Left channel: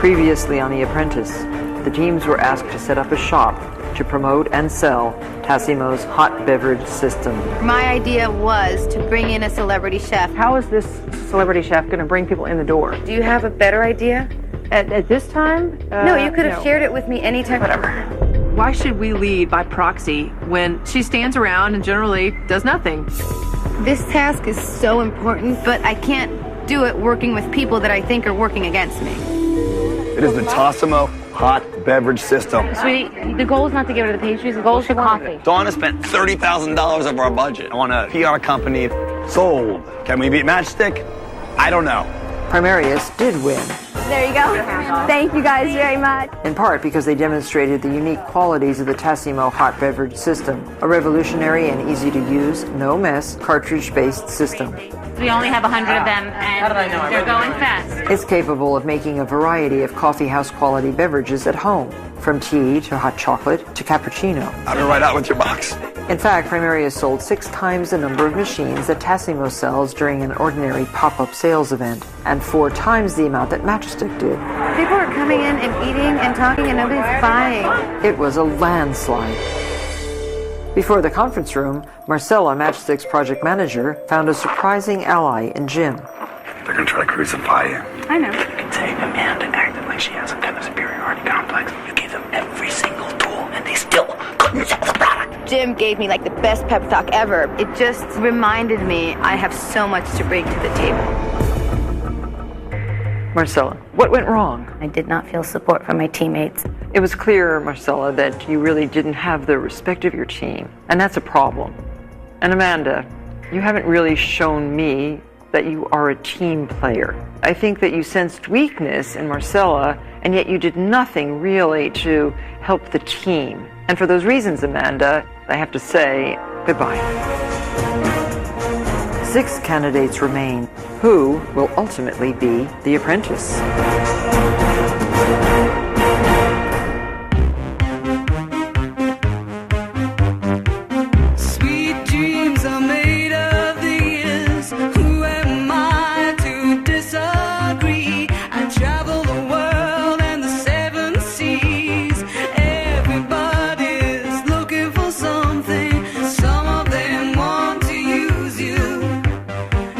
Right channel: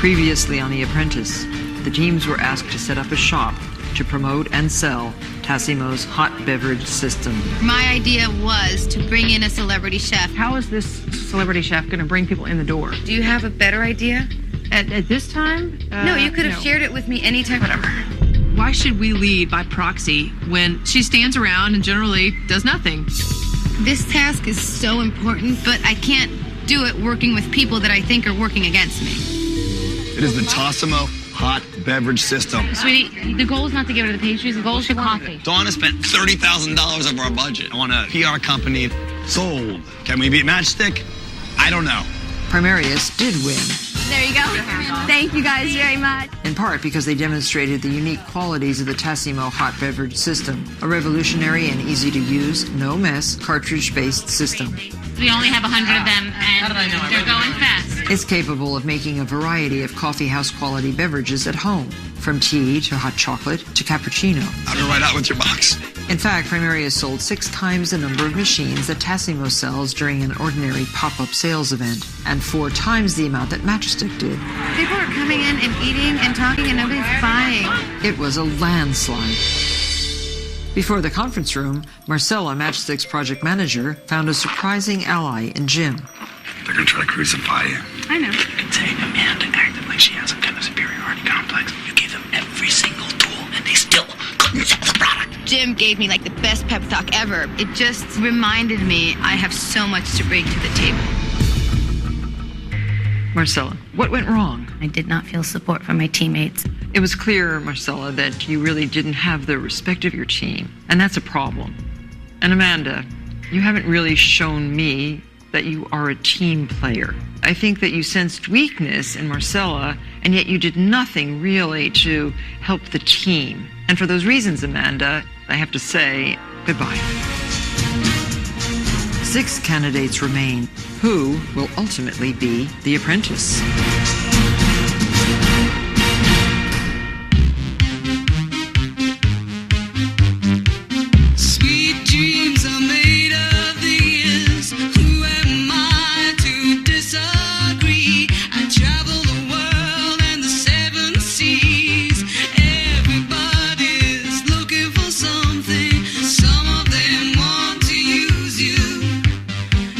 Previously on The Apprentice, the teams were asked to set up a shop to promote and sell Tassimo's hot beverage system. My idea was to bring in a celebrity chef. How is this celebrity chef going to bring people in the door? Do you have a better idea? At this time? No, you could have shared it with me anytime. Whatever. Why should we lead by proxy when she stands around and generally does nothing? This task is so important, but I can't do it working with people that I think are working against me. It is the Tassimo hot beverage system. Sweetie, the goal is not to give her the pastries, the goal is the coffee. Donna spent $30,000 of our budget on a PR company. Sold. Can we beat Matchstick? I don't know. Primarius did win, There you go. Thank you guys very much. in part because they demonstrated the unique qualities of the Tassimo hot beverage system, a revolutionary and easy-to-use, no-mess, cartridge-based system. We only have 100 of them, and they're going fast. It's capable of making a variety of coffeehouse quality beverages at home, from tea to hot chocolate to cappuccino. I'll be right out with your box. In fact, Primarius sold 6 times the number of machines that Tassimo sells during an ordinary pop-up sales event, and 4 times the amount that Matchstick did. People are coming in and eating and talking and nobody's buying. It was a landslide. Before the conference room, Marcella, Matchstick's project manager, found a surprising ally in Jim. They're gonna try to crucify you. I know. You can say Amanda acted like she has some kind of superiority complex. You gave them every single tool, and they still couldn't sell the product. Jim gave me like the best pep talk ever. It just reminded me I have so much to bring to the table. Marcella, what went wrong? I did not feel support from my teammates. It was clear, Marcella, that you really didn't have the respect of your team, and that's a problem. And Amanda, you haven't really shown me that you are a team player. I think that you sensed weakness in Marcella, and yet you did nothing really to help the team. And for those reasons, Amanda, I have to say goodbye. 6 candidates remain. Who will ultimately be the apprentice? Sweet dreams are made of these. Who am I to disagree? I travel the world and the 7 seas. Everybody's looking for something. Some of them want to use you.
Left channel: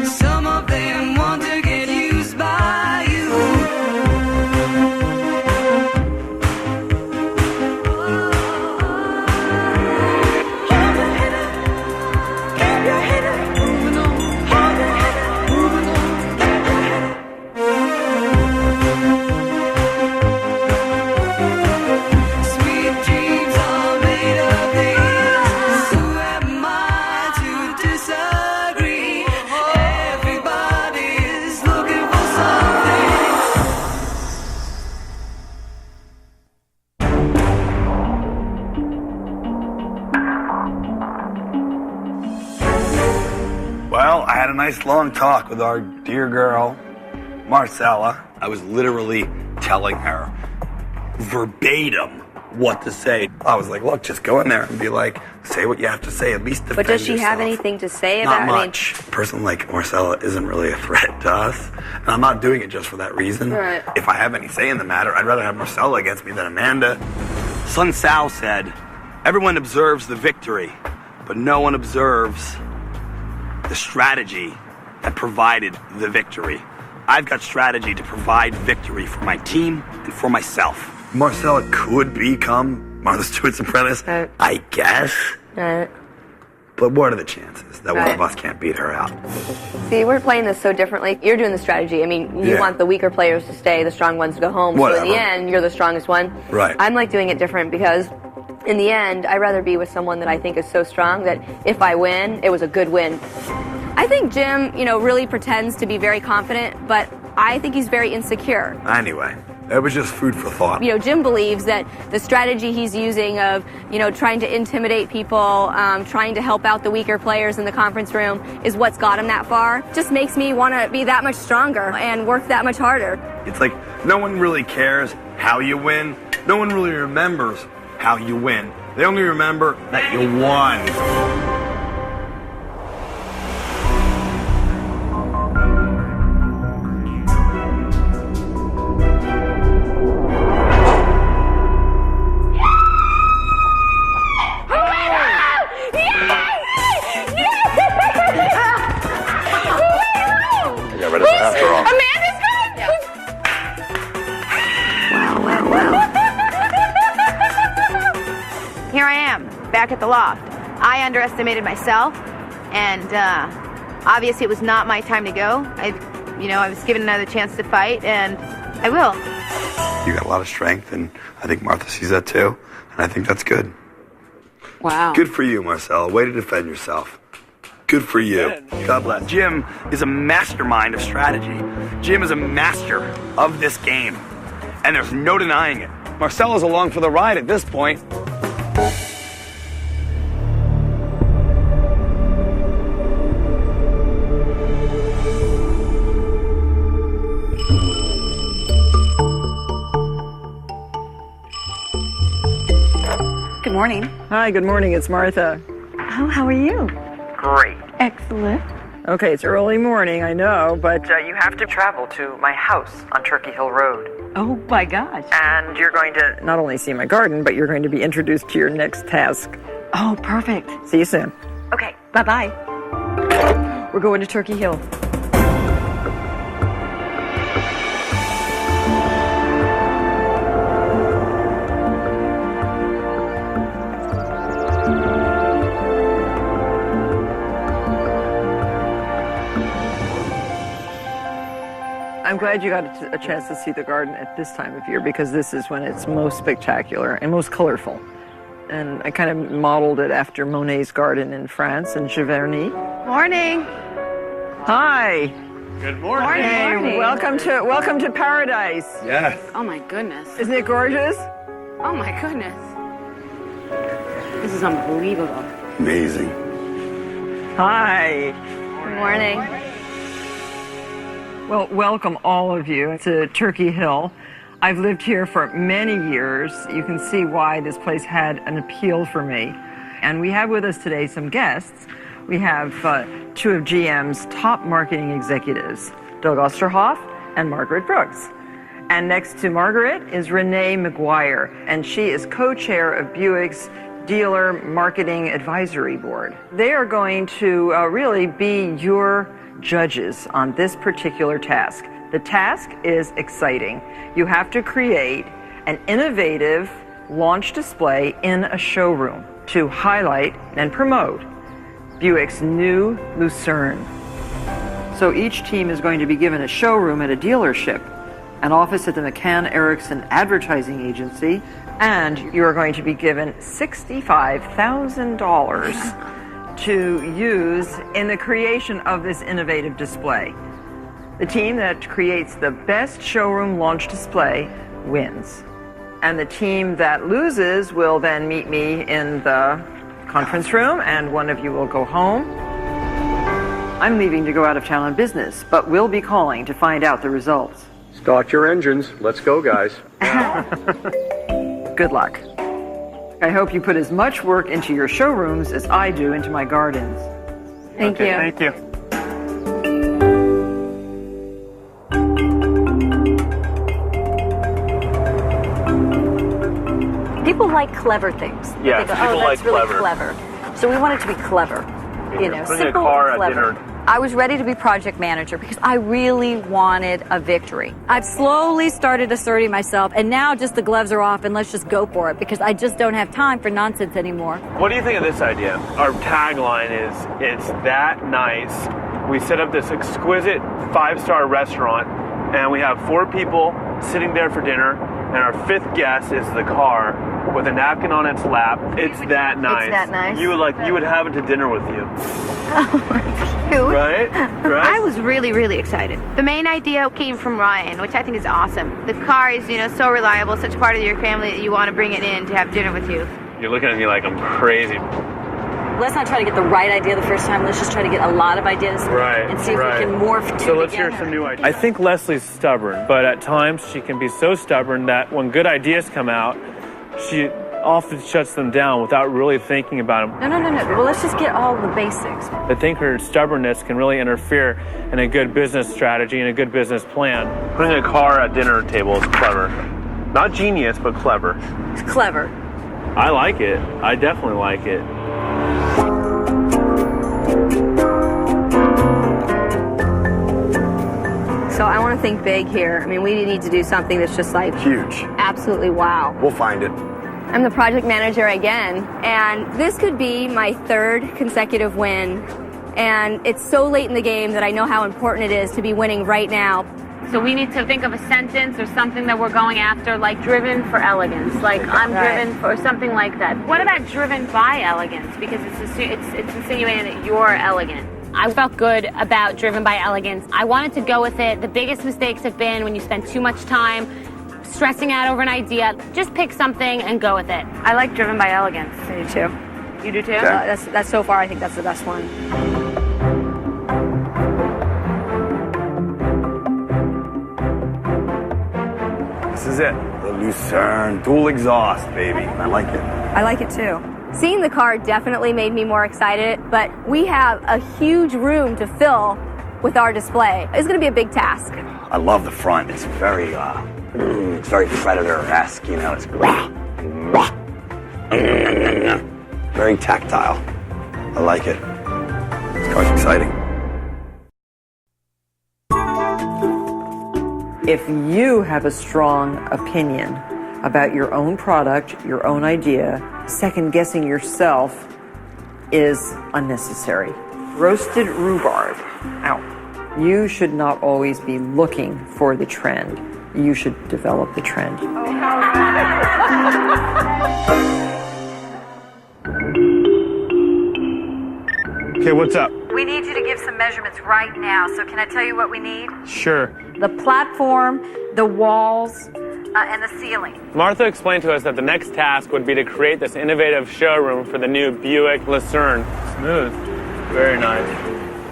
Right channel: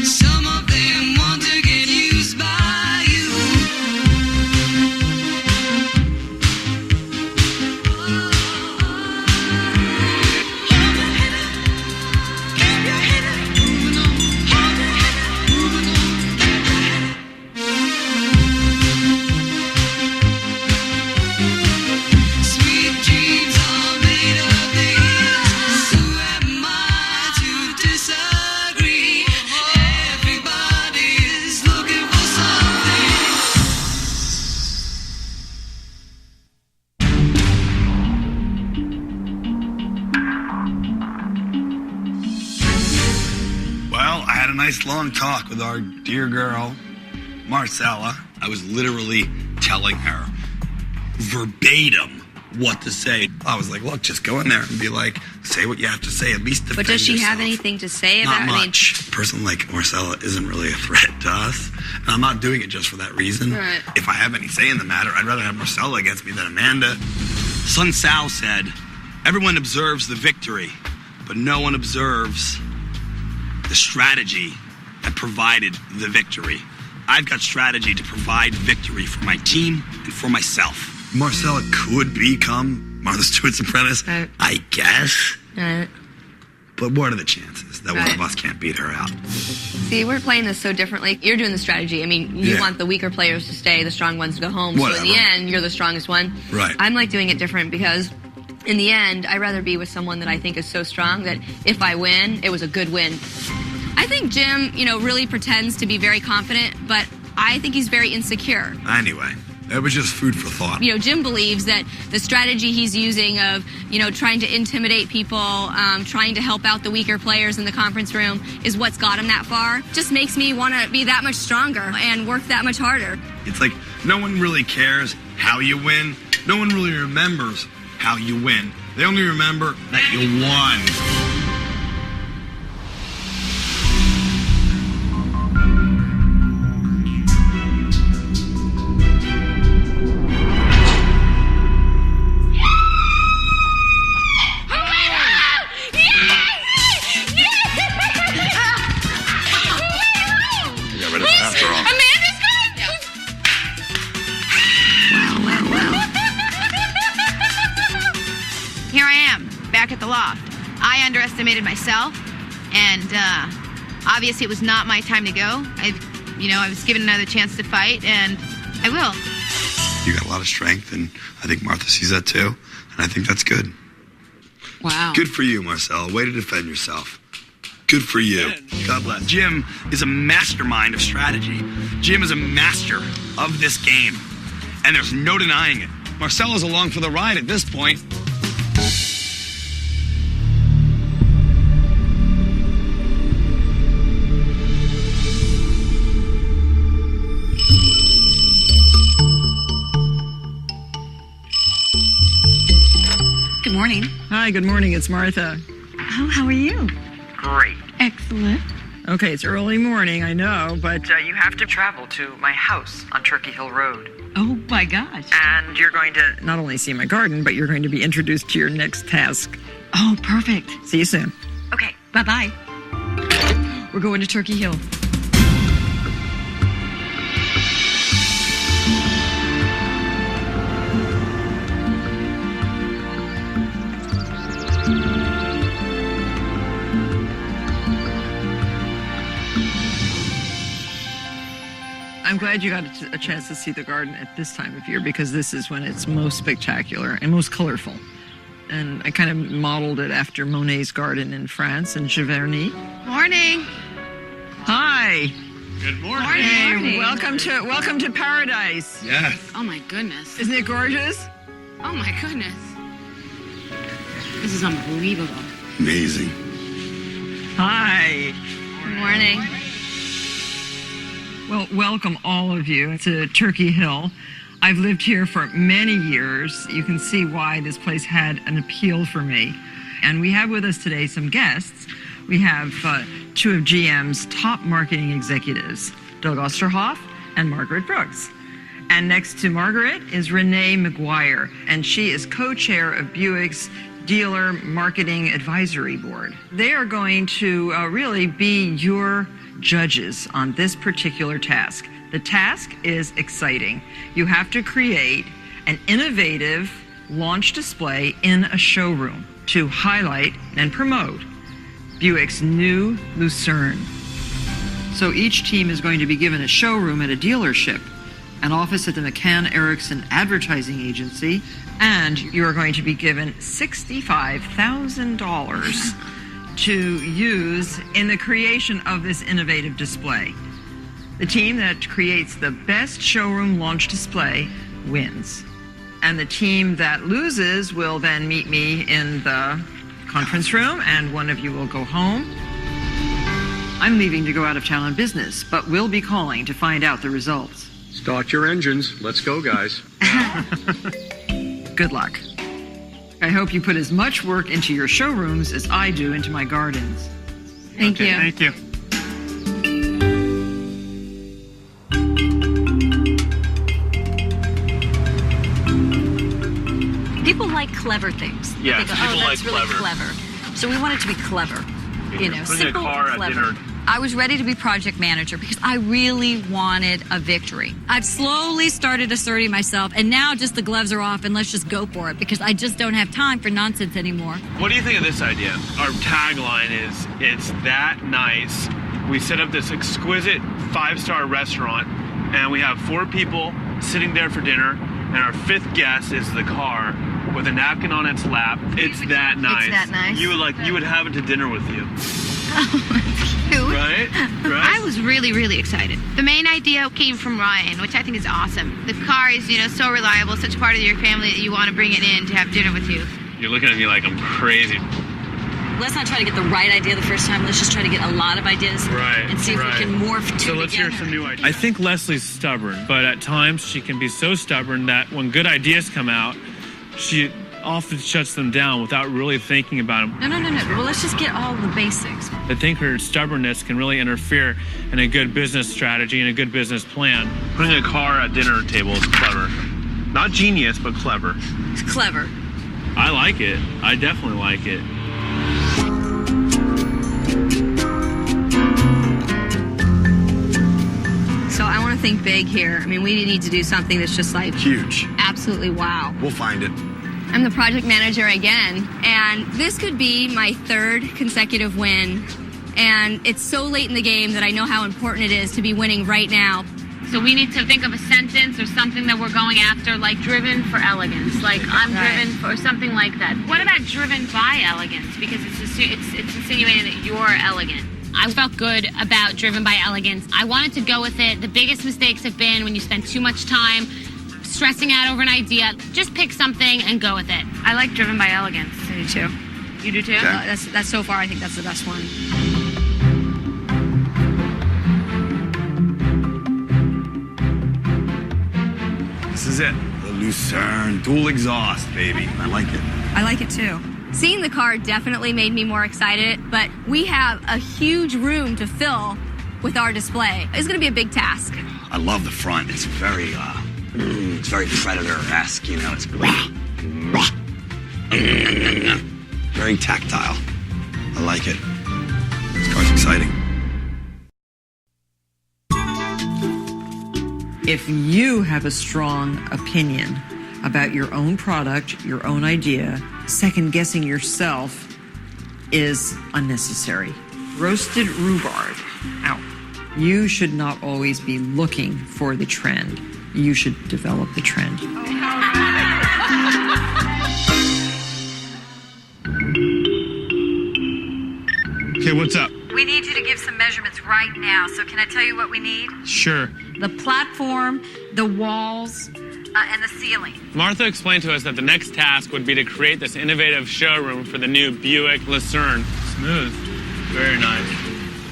Some of them want to get used by you. Hold your head up, keep your head up, moving on. Hold your head up, moving on, keep your head up. Sweet dreams are made of these. Who am I to disagree? Everybody's looking for something. Well, I had a nice long talk with our dear girl, Marcella. I was literally telling her verbatim what to say. I was like, look, just go in there and be like, say what you have to say, at least defend But does she have yourself. anything to say Not about much. A person like Marcella isn't really a threat to us, and I'm not doing it just for that reason. Right. If I have any say in the matter, I'd rather have Marcella against me than Amanda. Sun Tzu said, everyone observes the victory, but no one observes the strategy that provided the victory. I've got strategy to provide victory for my team and for myself. Marcella could become Martha Stewart's apprentice, Right. I guess. Right. But what are the chances that one Right. of us can't beat her out? See, we're playing this so differently. You're doing the strategy. I mean, you Yeah. want the weaker players to stay, the strong ones to go home. So Whatever. in the end, you're the strongest one. Right. I'm like doing it different because in the end, I'd rather be with someone that I think is so strong that if I win, it was a good win. I think Jim, really pretends to be very confident, but I think he's very insecure. Anyway, it was just food for thought. Jim believes that the strategy he's using of, trying to intimidate people, trying to help out the weaker players in the conference room is what's got him that far. Just makes me want to be that much stronger and work that much harder. It's like no one really cares how you win. No one really remembers how you win. They only remember that you won. back at the loft. I underestimated myself, and obviously it was not my time to go. I was given another chance to fight, and I will. You got a lot of strength, and I think Martha sees that too, and I think that's good. Wow. Good for you, Marcella. Way to defend yourself. Good for you. God bless. Jim is a mastermind of strategy. Jim is a master of this game, and there's no denying it. Marcella's along for the ride at this point. Good morning. Hi, good morning. It's Martha. Oh, how are you? Great. Excellent. Okay, it's early morning, I know, but you have to travel to my house on Turkey Hill Road. Oh, my gosh. And you're going to not only see my garden, but you're going to be introduced to your next task. Oh, perfect. See you soon. Okay, bye-bye. We're going to Turkey Hill. I'm glad you got a chance to see the garden at this time of year, because this is when it's most spectacular and most colorful. And I kind of modeled it after Monet's garden in France in Giverny. Morning. Hi. Good morning. Hey, welcome to paradise. Yes. Oh my goodness. Isn't it gorgeous? Oh my goodness. This is unbelievable. Amazing. Hi. Good morning. Well, welcome all of you to Turkey Hill. I've lived here for many years. You can see why this place had an appeal for me. And we have with us today some guests. We have two of GM's top marketing executives, Doug Osterhoff and Margaret Brooks. And next to Margaret is Renee McGuire, and she is co-chair of Buick's Dealer Marketing Advisory Board. They are going to really be your judges on this particular task. The task is exciting. You have to create an innovative launch display in a showroom to highlight and promote Buick's new Lucerne. So each team is going to be given a showroom at a dealership, an office at the McCann Erickson Advertising Agency, and you are going to be given $65,000 to use in the creation of this innovative display. The team that creates the best showroom launch display wins. And the team that loses will then meet me in the conference room, and one of you will go home. I'm leaving to go out of town on business, but we'll be calling to find out the results. Start your engines. Let's go, guys. Good luck. I hope you put as much work into your showrooms as I do into my gardens. Thank you. Thank you. People like clever things. Yeah, They go, people oh, that's like really clever. So we want it to be clever. You know, Putting a simple car and at clever. dinner. I was ready to be project manager because I really wanted a victory. I've slowly started asserting myself, and now just the gloves are off and let's just go for it because I just don't have time for nonsense anymore. What do you think of this idea? Our tagline is, it's that nice. We set up this exquisite 5-star restaurant, and we have 4 people sitting there for dinner, and our 5th guest is the car with a napkin on its lap. It's that nice. It's that nice. You would have it to dinner with you. Oh, that's cute. Right? I was really, really excited. The main idea came from Ryan, which I think is awesome. The car is, so reliable, such a part of your family that you want to bring it in to have dinner with you. You're looking at me like I'm crazy. Let's not try to get the right idea the first time. Let's just try to get a lot of ideas and see if we can morph two So let's together. hear some new ideas. I think Leslie's stubborn, but at times she can be so stubborn that when good ideas come out, she often shuts them down without really thinking about them. No. Well, let's just get all the basics. I think her stubbornness can really interfere in a good business strategy and a good business plan. Putting a car at dinner table is clever. Not genius, but clever. It's clever. I like it. I definitely like it. So I want to think big here. I mean, we need to do something that's just like Huge. absolutely wow. We'll find it. I'm the project manager again, and this could be my 3rd consecutive win. And it's so late in the game that I know how important it is to be winning right now. So we need to think of a sentence or something that we're going after, like driven for elegance, like I'm driven for something like that. What about driven by elegance? Because it's insinuating that you're elegant. I felt good about driven by elegance. I wanted to go with it. The biggest mistakes have been when you spend too much time stressing out over an idea. Just pick something and go with it. I like driven by elegance. I do too. You do too? Okay. That's so far, I think that's the best one. This is it. The Lucerne dual exhaust, baby. I like it. I like it too. Seeing the car definitely made me more excited, but we have a huge room to fill with our display. It's going to be a big task. I love the front. It's very Predator-esque, you know. It's very tactile. I like it. This car's exciting. If you have a strong opinion about your own product, your own idea, second-guessing yourself is unnecessary. Roasted rhubarb, out. You should not always be looking for the trend. You should develop the trend. Okay, what's up? We need you to give some measurements right now. So can I tell you what we need? Sure. The platform, the walls, and the ceiling. Martha explained to us that the next task would be to create this innovative showroom for the new Buick Lucerne. Smooth. Very nice.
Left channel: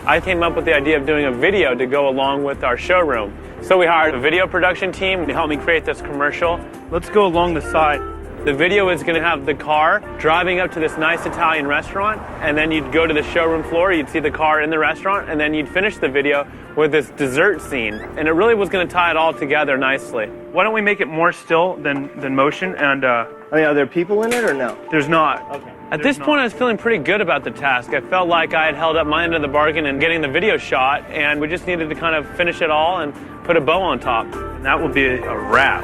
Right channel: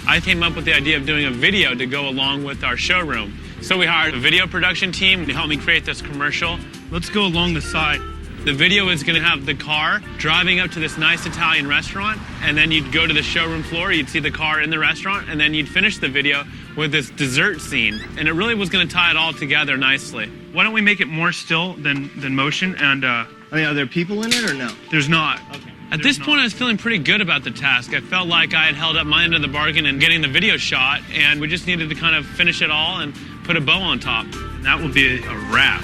I came up with the idea of doing a video to go along with our showroom. So we hired a video production team to help me create this commercial. Let's go along the side. The video is going to have the car driving up to this nice Italian restaurant, and then you'd go to the showroom floor, you'd see the car in the restaurant, and then you'd finish the video with this dessert scene. And it really was going to tie it all together nicely. Why don't we make it more still than motion? And I mean, are there people in it or no? There's not. Okay. At this point, I was feeling pretty good about the task. I felt like I had held up my end of the bargain in getting the video shot, and we just needed to kind of finish it all and put a bow on top. And that will be a wrap.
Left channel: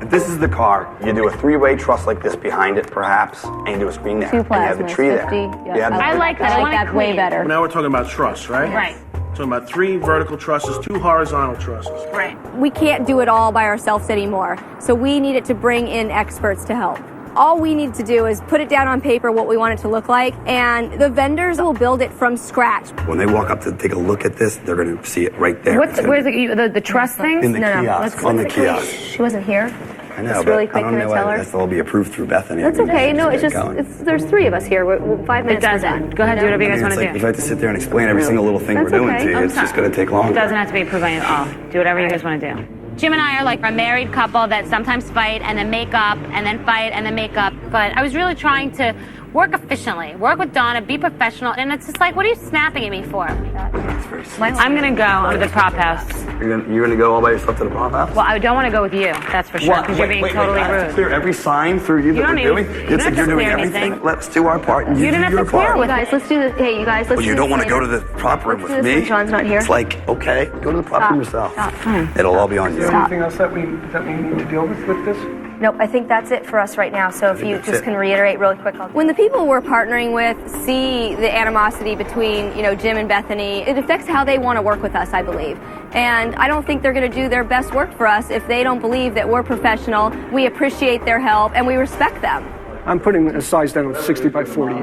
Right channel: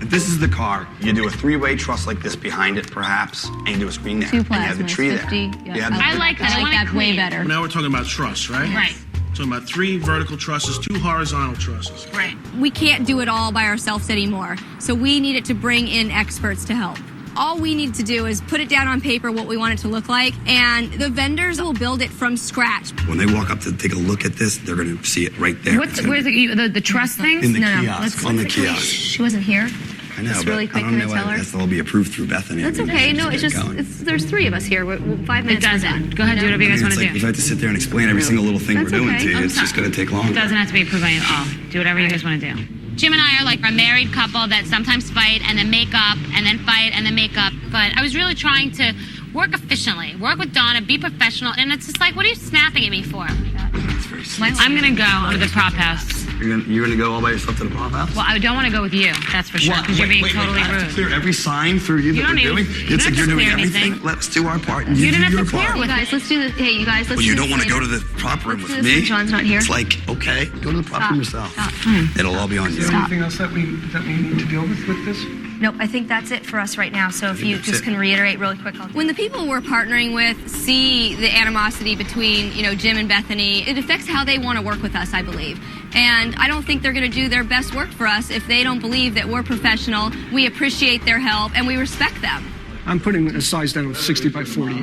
If this is the car, you do a 3-way truss like this behind it, perhaps, and you do a screen there. 2 and you have the plasmas, tree 50. there. Yeah. You have the I like that. I want it way clean. better. Now we're talking about truss, right? Right. Talking about 3 vertical trusses, 2 horizontal trusses. Right. We can't do it all by ourselves anymore, so we needed to bring in experts to help. All we need to do is put it down on paper what we want it to look like, and the vendors will build it from scratch. When they walk up to take a look at this, they're going to see it right there. Where's the truss thing? In the kiosk, on the kiosk. She wasn't here. I know, Just but really quick, I don't can I know tell why her? that's all be approved through Bethany. That's okay. No, it's just, there's 3 of us here. We're 5 minutes. It doesn't. Go ahead, do whatever you guys want to If I have to sit there and explain every single little thing That's we're doing okay. to you, I'm it's just sorry. going to take longer. It doesn't have to be approved by you at all. Do whatever you guys want to do. Jim and I are like a married couple that sometimes fight and then make up and then fight and then make up. But I was really trying to work efficiently, work with Donna, be professional. And it's just like, what are you snapping at me for? That's very sweet. I'm going to go to the prop house. You're gonna go all by yourself to the prop house? Well, I don't want to go with you, that's for sure, because you're being totally I have to rude. clear every sign for you that don't we're need- doing? you It's don't like have you're to doing clear everything. anything. Let's do our part and You you didn't do have your to clear part. with Guys, let's do this. Hey, you guys, let's Well, do you this don't want to go later. to the prop room Let's do with this me? when John's not here. It's like, okay, go to the prop room yourself. Stop. It'll all be on you. Is there anything else that we need to deal with this? Nope, I think that's it for us right now. So if you that's just it. can reiterate really quick. When the people we're partnering with see the animosity between, Jim and Bethany, it affects how they want to work with us, I believe. And I don't think they're going to do their best work for us if they don't believe that we're professional, we appreciate their help, and we respect them. I'm putting a size down of 60 by 48.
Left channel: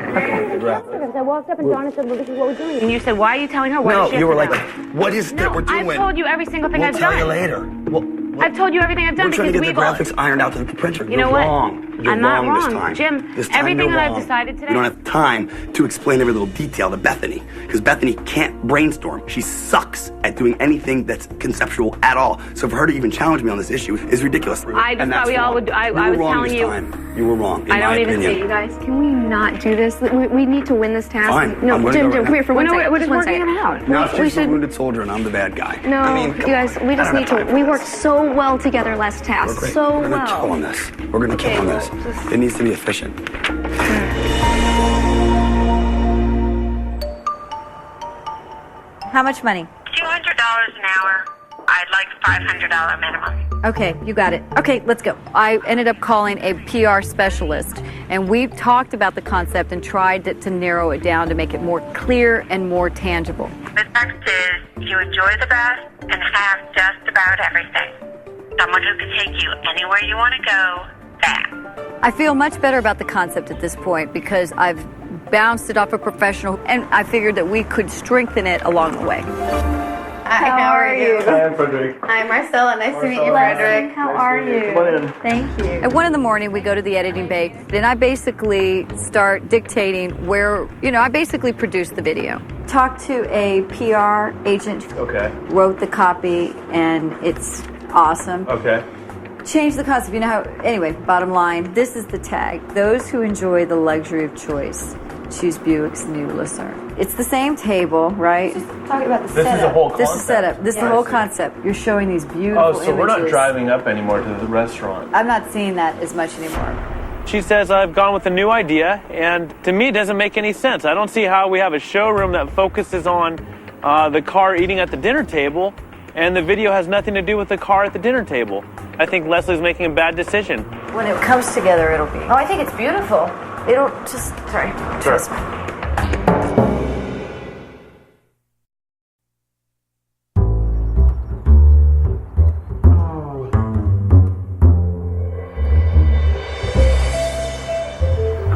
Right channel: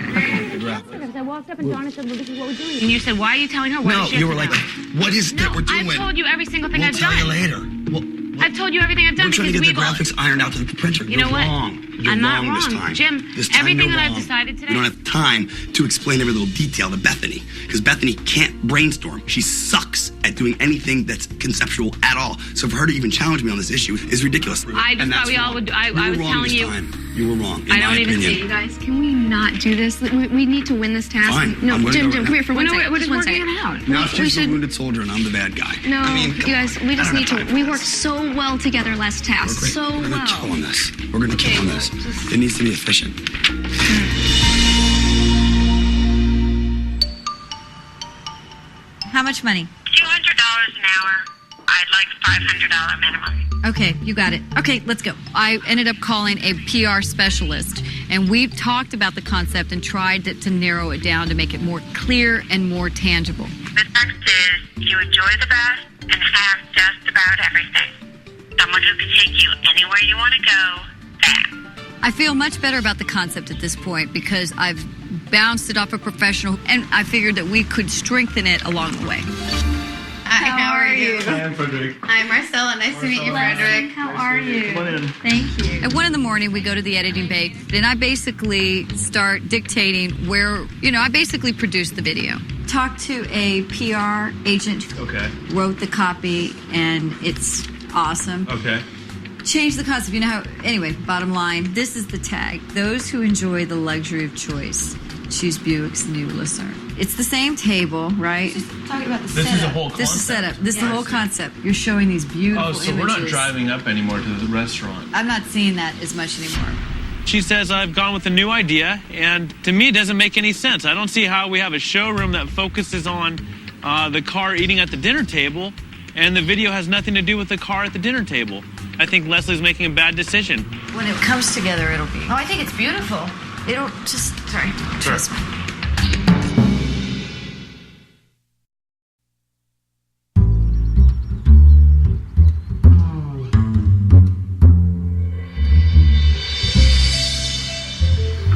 I walked up and Donna said, well, this is what we're doing. And you said, why are you telling her? What No, does she you have were to like, know? what is it that we're doing? I've told you every single thing We'll I've tell done. you later. I've told you everything I've done We're trying to because get the we've all... graphics ironed out to the printer. You know what? Wrong. You're I'm not wrong this wrong. time. Jim, This time everything you're that I've wrong. decided today- You don't have time to explain every little detail to Bethany because Bethany can't brainstorm. She sucks at doing anything that's conceptual at all. So for her to even challenge me on this issue is ridiculous. I just And thought that's we all wrong. would... I You were was wrong telling this you... time. You were wrong, in I don't my even opinion. see You guys, can we not do this? We need to win this task. Fine. No, I'm gonna Jim, go right come here for Well, one no, second. we're Just just one working second. it out. Now We she's the should- wounded soldier and I'm the bad guy. No, I mean, you guys, we just I don't need have to. time We for worked this. so well together last task. We're great. So We're gonna kill well. on this. We're gonna kill on this. It needs to be efficient. How much money? $200 an hour. I I'd like $500 minimum. Okay, you got it. Okay, let's go. I ended up calling a PR specialist, and we talked about the concept and tried to narrow it down to make it more clear and more tangible. The text is, you enjoy the best and have just about everything. Someone who can take you anywhere you want to go, fast. I feel much better about the concept at this point because I've bounced it off a professional, and I figured that we could strengthen it along the way. Hi, how are you? Hi, I'm Frederick. Hi, Marcella. Nice to meet you, Frederick. How are you? Come on in. Thank you. At 1 in, we go to the editing bay, and I basically start dictating where, I basically produce the video. Talked to a PR agent. Okay. Wrote the copy, and it's awesome. Okay. Change the concept. Anyway, bottom line, this is the tag. Those who enjoy the luxury of choice choose Buick's new Lucerne. It's the same table, right? Just talking about the setup. This is the whole concept. This is setup. This is the whole concept. You're showing these beautiful images. Oh, so we're not driving up anymore to the restaurant. I'm not seeing that as much anymore. She says, I've gone with a new idea, and to me, it doesn't make any sense. I don't see how we have a showroom that focuses on the car eating at the dinner table, and the video has nothing to do with the car at the dinner table. I think Leslie's making a bad decision. When it comes together, it'll be. Oh, I think it's beautiful. It'll just, sorry, trust me.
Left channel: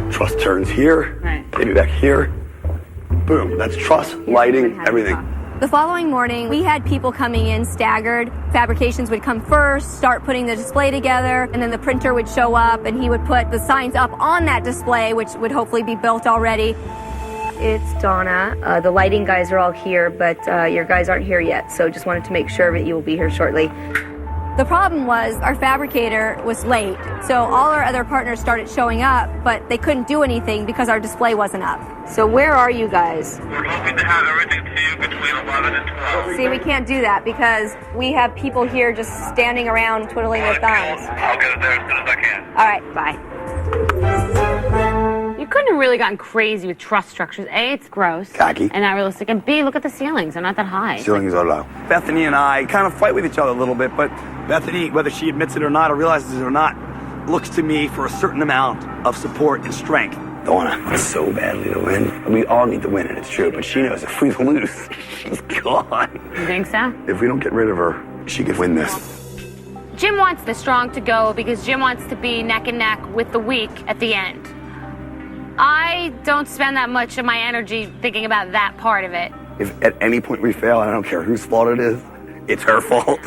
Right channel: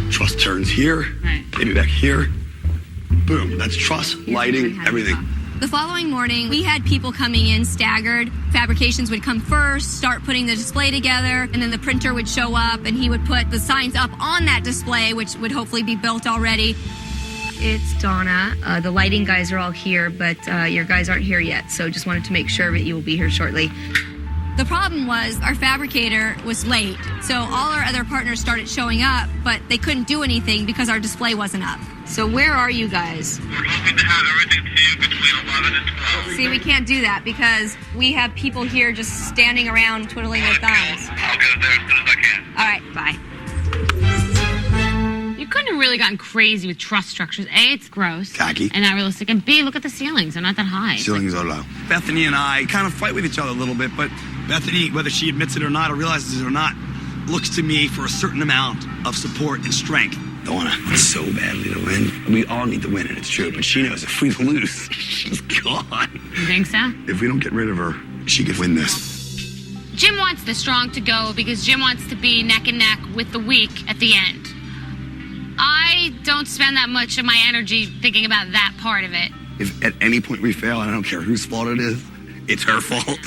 Truss turns here, maybe back here. Boom, that's truss, lighting, everything. The following morning, we had people coming in staggered. Fabrications would come first, start putting the display together, and then the printer would show up and he would put the signs up on that display, which would hopefully be built already. It's Donna. The lighting guys are all here, but your guys aren't here yet, so just wanted to make sure that you will be here shortly. The problem was our fabricator was late, so all our other partners started showing up, but they couldn't do anything because our display wasn't up. So where are you guys? We're hoping to have everything to you between 11 and 12. See, we can't do that because we have people here just standing around twiddling their thumbs. I'll get it there as soon as I can. All right, bye. You couldn't have really gotten crazy with truss structures. A, it's gross. Tacky. And not realistic. And B, look at the ceilings. They're not that high. Ceilings are low. Bethany and I kind of fight with each other a little bit, but Bethany, whether she admits it or not or realizes it or not, looks to me for a certain amount of support and strength. Donna wants so badly to win. We all need to win, and it's true, but she knows if we lose, she's gone. You think so? If we don't get rid of her, she could win this. Jim wants the strong to go because Jim wants to be neck and neck with the weak at the end. I don't spend that much of my energy thinking about that part of it. If at any point we fail, I don't care whose fault it is, it's her fault.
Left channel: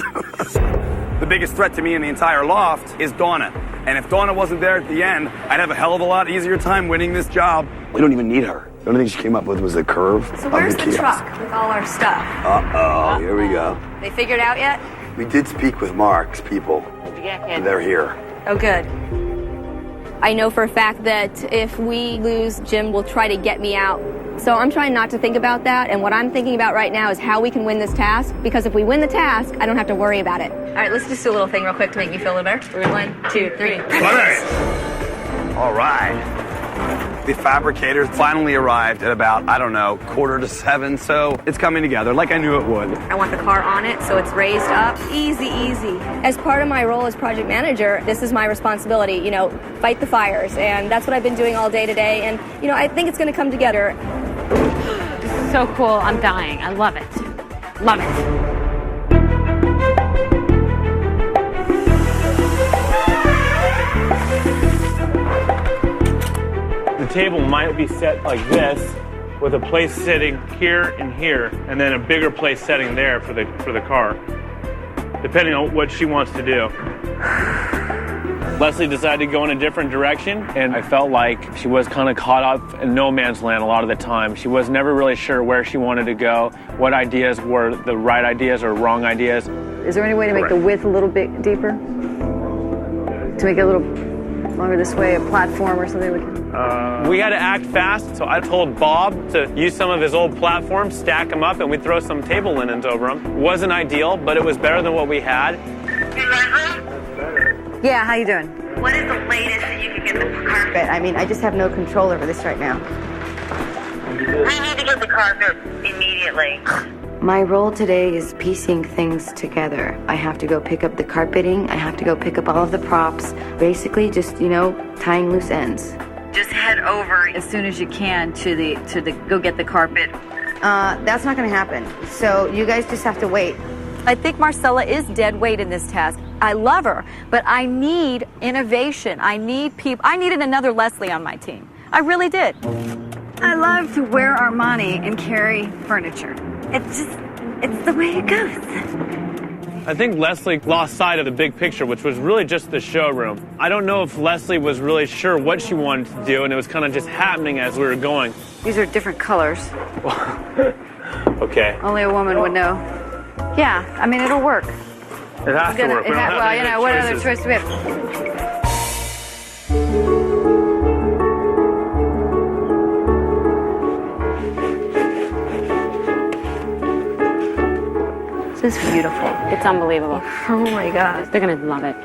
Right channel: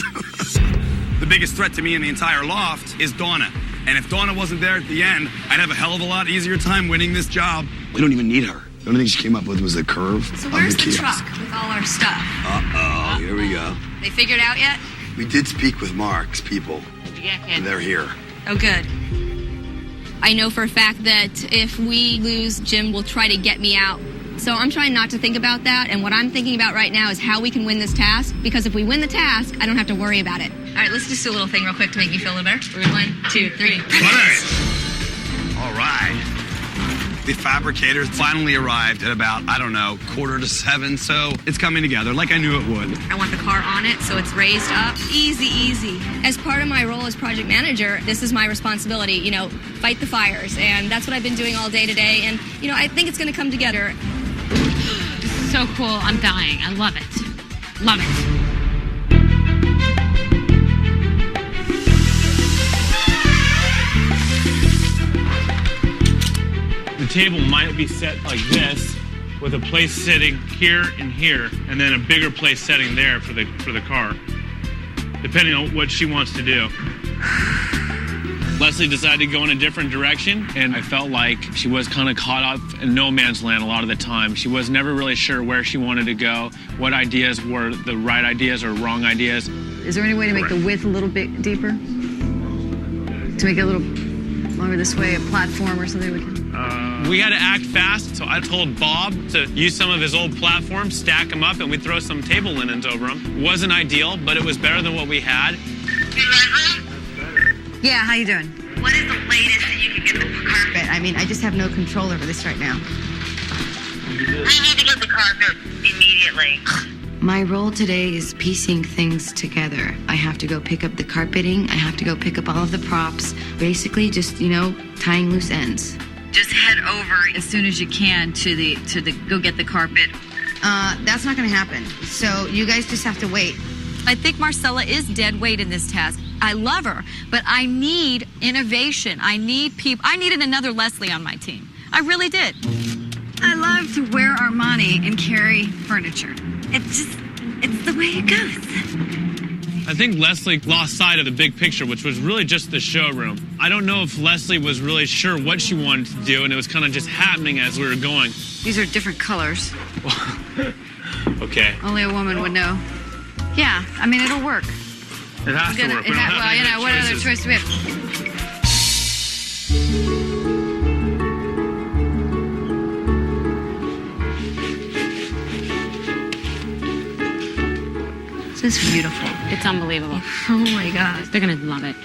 The biggest threat to me in the entire loft is Donna. And if Donna wasn't there at the end, I'd have a hell of a lot easier time winning this job. We don't even need her. The only thing she came up with was a curve. So where's of the the kiosk. truck with all our stuff? Uh-oh, here we go. They figured out yet? We did speak with Mark's people. What'd you get, kid? And they're here. Oh, good. I know for a fact that if we lose, Jim will try to get me out. So I'm trying not to think about that, and what I'm thinking about right now is how we can win this task, because if we win the task, I don't have to worry about it. All right, let's just do a little thing real quick to make me feel a little better. 1, 2, 3. All right. The fabricators finally arrived at about, 6:45, so it's coming together like I knew it would. I want the car on it, so it's raised up. Easy, easy. As part of my role as project manager, this is my responsibility, fight the fires, and that's what I've been doing all day today, and, I think it's gonna come together. This is so cool. I'm dying. I love it. Love it. The table might be set like this, with a place sitting here and here, and then a bigger place setting there for the car, depending on what she wants to do. Leslie decided to go in a different direction, and I felt like she was kind of caught up in no man's land a lot of the time. She was never really sure where she wanted to go, what ideas were the right ideas or wrong ideas. Is there any way to make the width a little bit deeper? To make it a little longer this way, a platform or something we can... We had to act fast, so I told Bob to use some of his old platforms, stack them up, and we'd throw some table linens over them. It wasn't ideal, but it was better than what we had. Yeah, how you doing? What is the latest that you can get the carpet? I just have no control over this right now. We need to get the carpet immediately. My role today is piecing things together. I have to go pick up the carpeting. I have to go pick up all of the props. Basically just, tying loose ends. Just head over as soon as you can to go get the carpet. That's not gonna happen. So you guys just have to wait. I think Marcella is dead weight in this task. I love her, but I need innovation. I need people. I needed another Leslie on my team. I really did. I love to wear Armani and carry furniture. It's the way it goes. I think Leslie lost sight of the big picture, which was really just the showroom. I don't know if Leslie was really sure what she wanted to do, and it was kind of just happening as we were going. These are different colors. Okay. Only a woman would know. Yeah, I mean, it'll work. It has to work. We don't have any other what choices. other choice do we have? This is beautiful. It's unbelievable. Oh my God. They're gonna love it.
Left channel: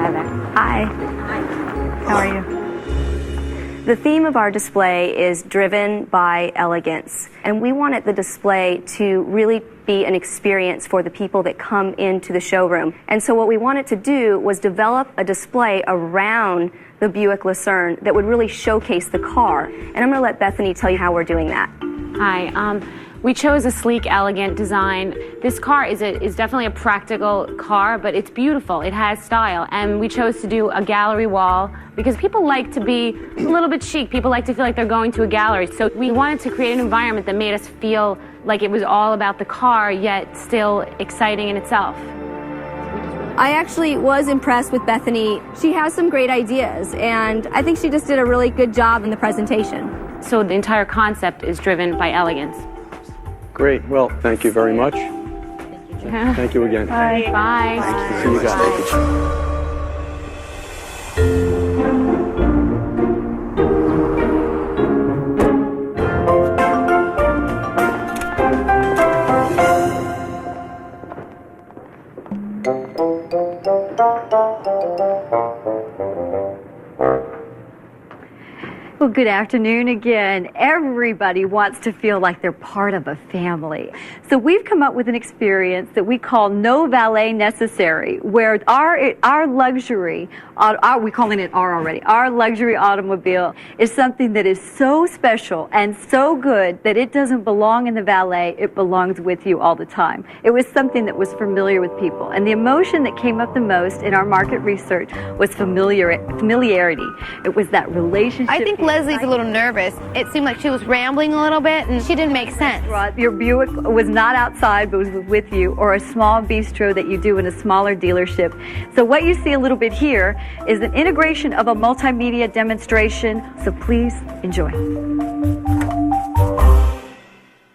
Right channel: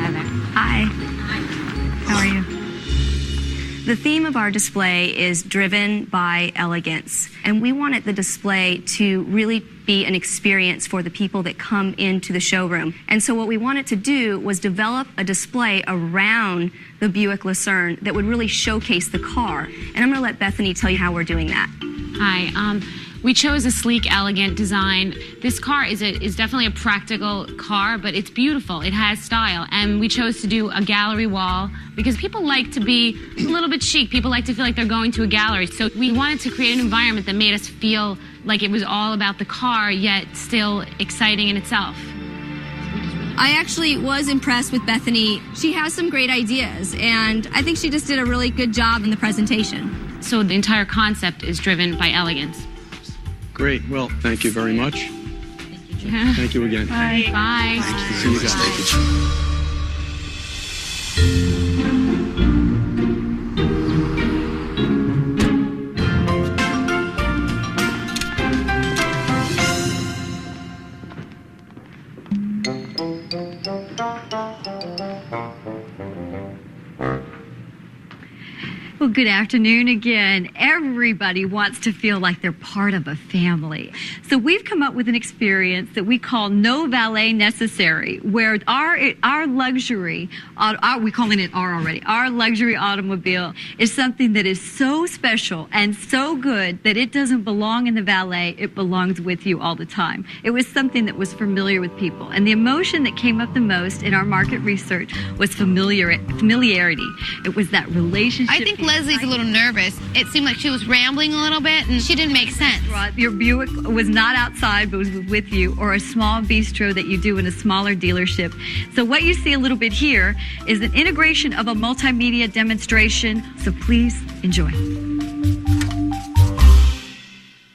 Hi there. Hi. How are you? The theme of our display is driven by elegance, and we wanted the display to really be an experience for the people that come into the showroom. And so what we wanted to do was develop a display around the Buick Lucerne that would really showcase the car. And I'm going to let Bethany tell you how we're doing that. Hi. We chose a sleek, elegant design. This car is definitely a practical car, but it's beautiful. It has style. And we chose to do a gallery wall because people like to be a little bit chic. People like to feel like they're going to a gallery. So we wanted to create an environment that made us feel like it was all about the car, yet still exciting in itself. I actually was impressed with Bethany. She has some great ideas, and I think she just did a really good job in the presentation. So the entire concept is driven by elegance. Great. Well, thank you very much. Thank you again. Bye. Bye. See you guys. Well, good afternoon again. Everybody wants to feel like they're part of a family. So we've come up with an experience that we call No Valet Necessary, where our luxury, we're calling it R already, our luxury automobile is something that is so special and so good that it doesn't belong in the valet, it belongs with you all the time. It was something that was familiar with people. And the emotion that came up the most in our market research was familiarity. It was that relationship. I think Leslie's a little nervous. It seemed like she was rambling a little bit and she didn't make sense. Your Buick was not outside but was with you, or a small bistro that you do in a smaller dealership. So what you see a little bit here is an integration of a multimedia demonstration. So please enjoy.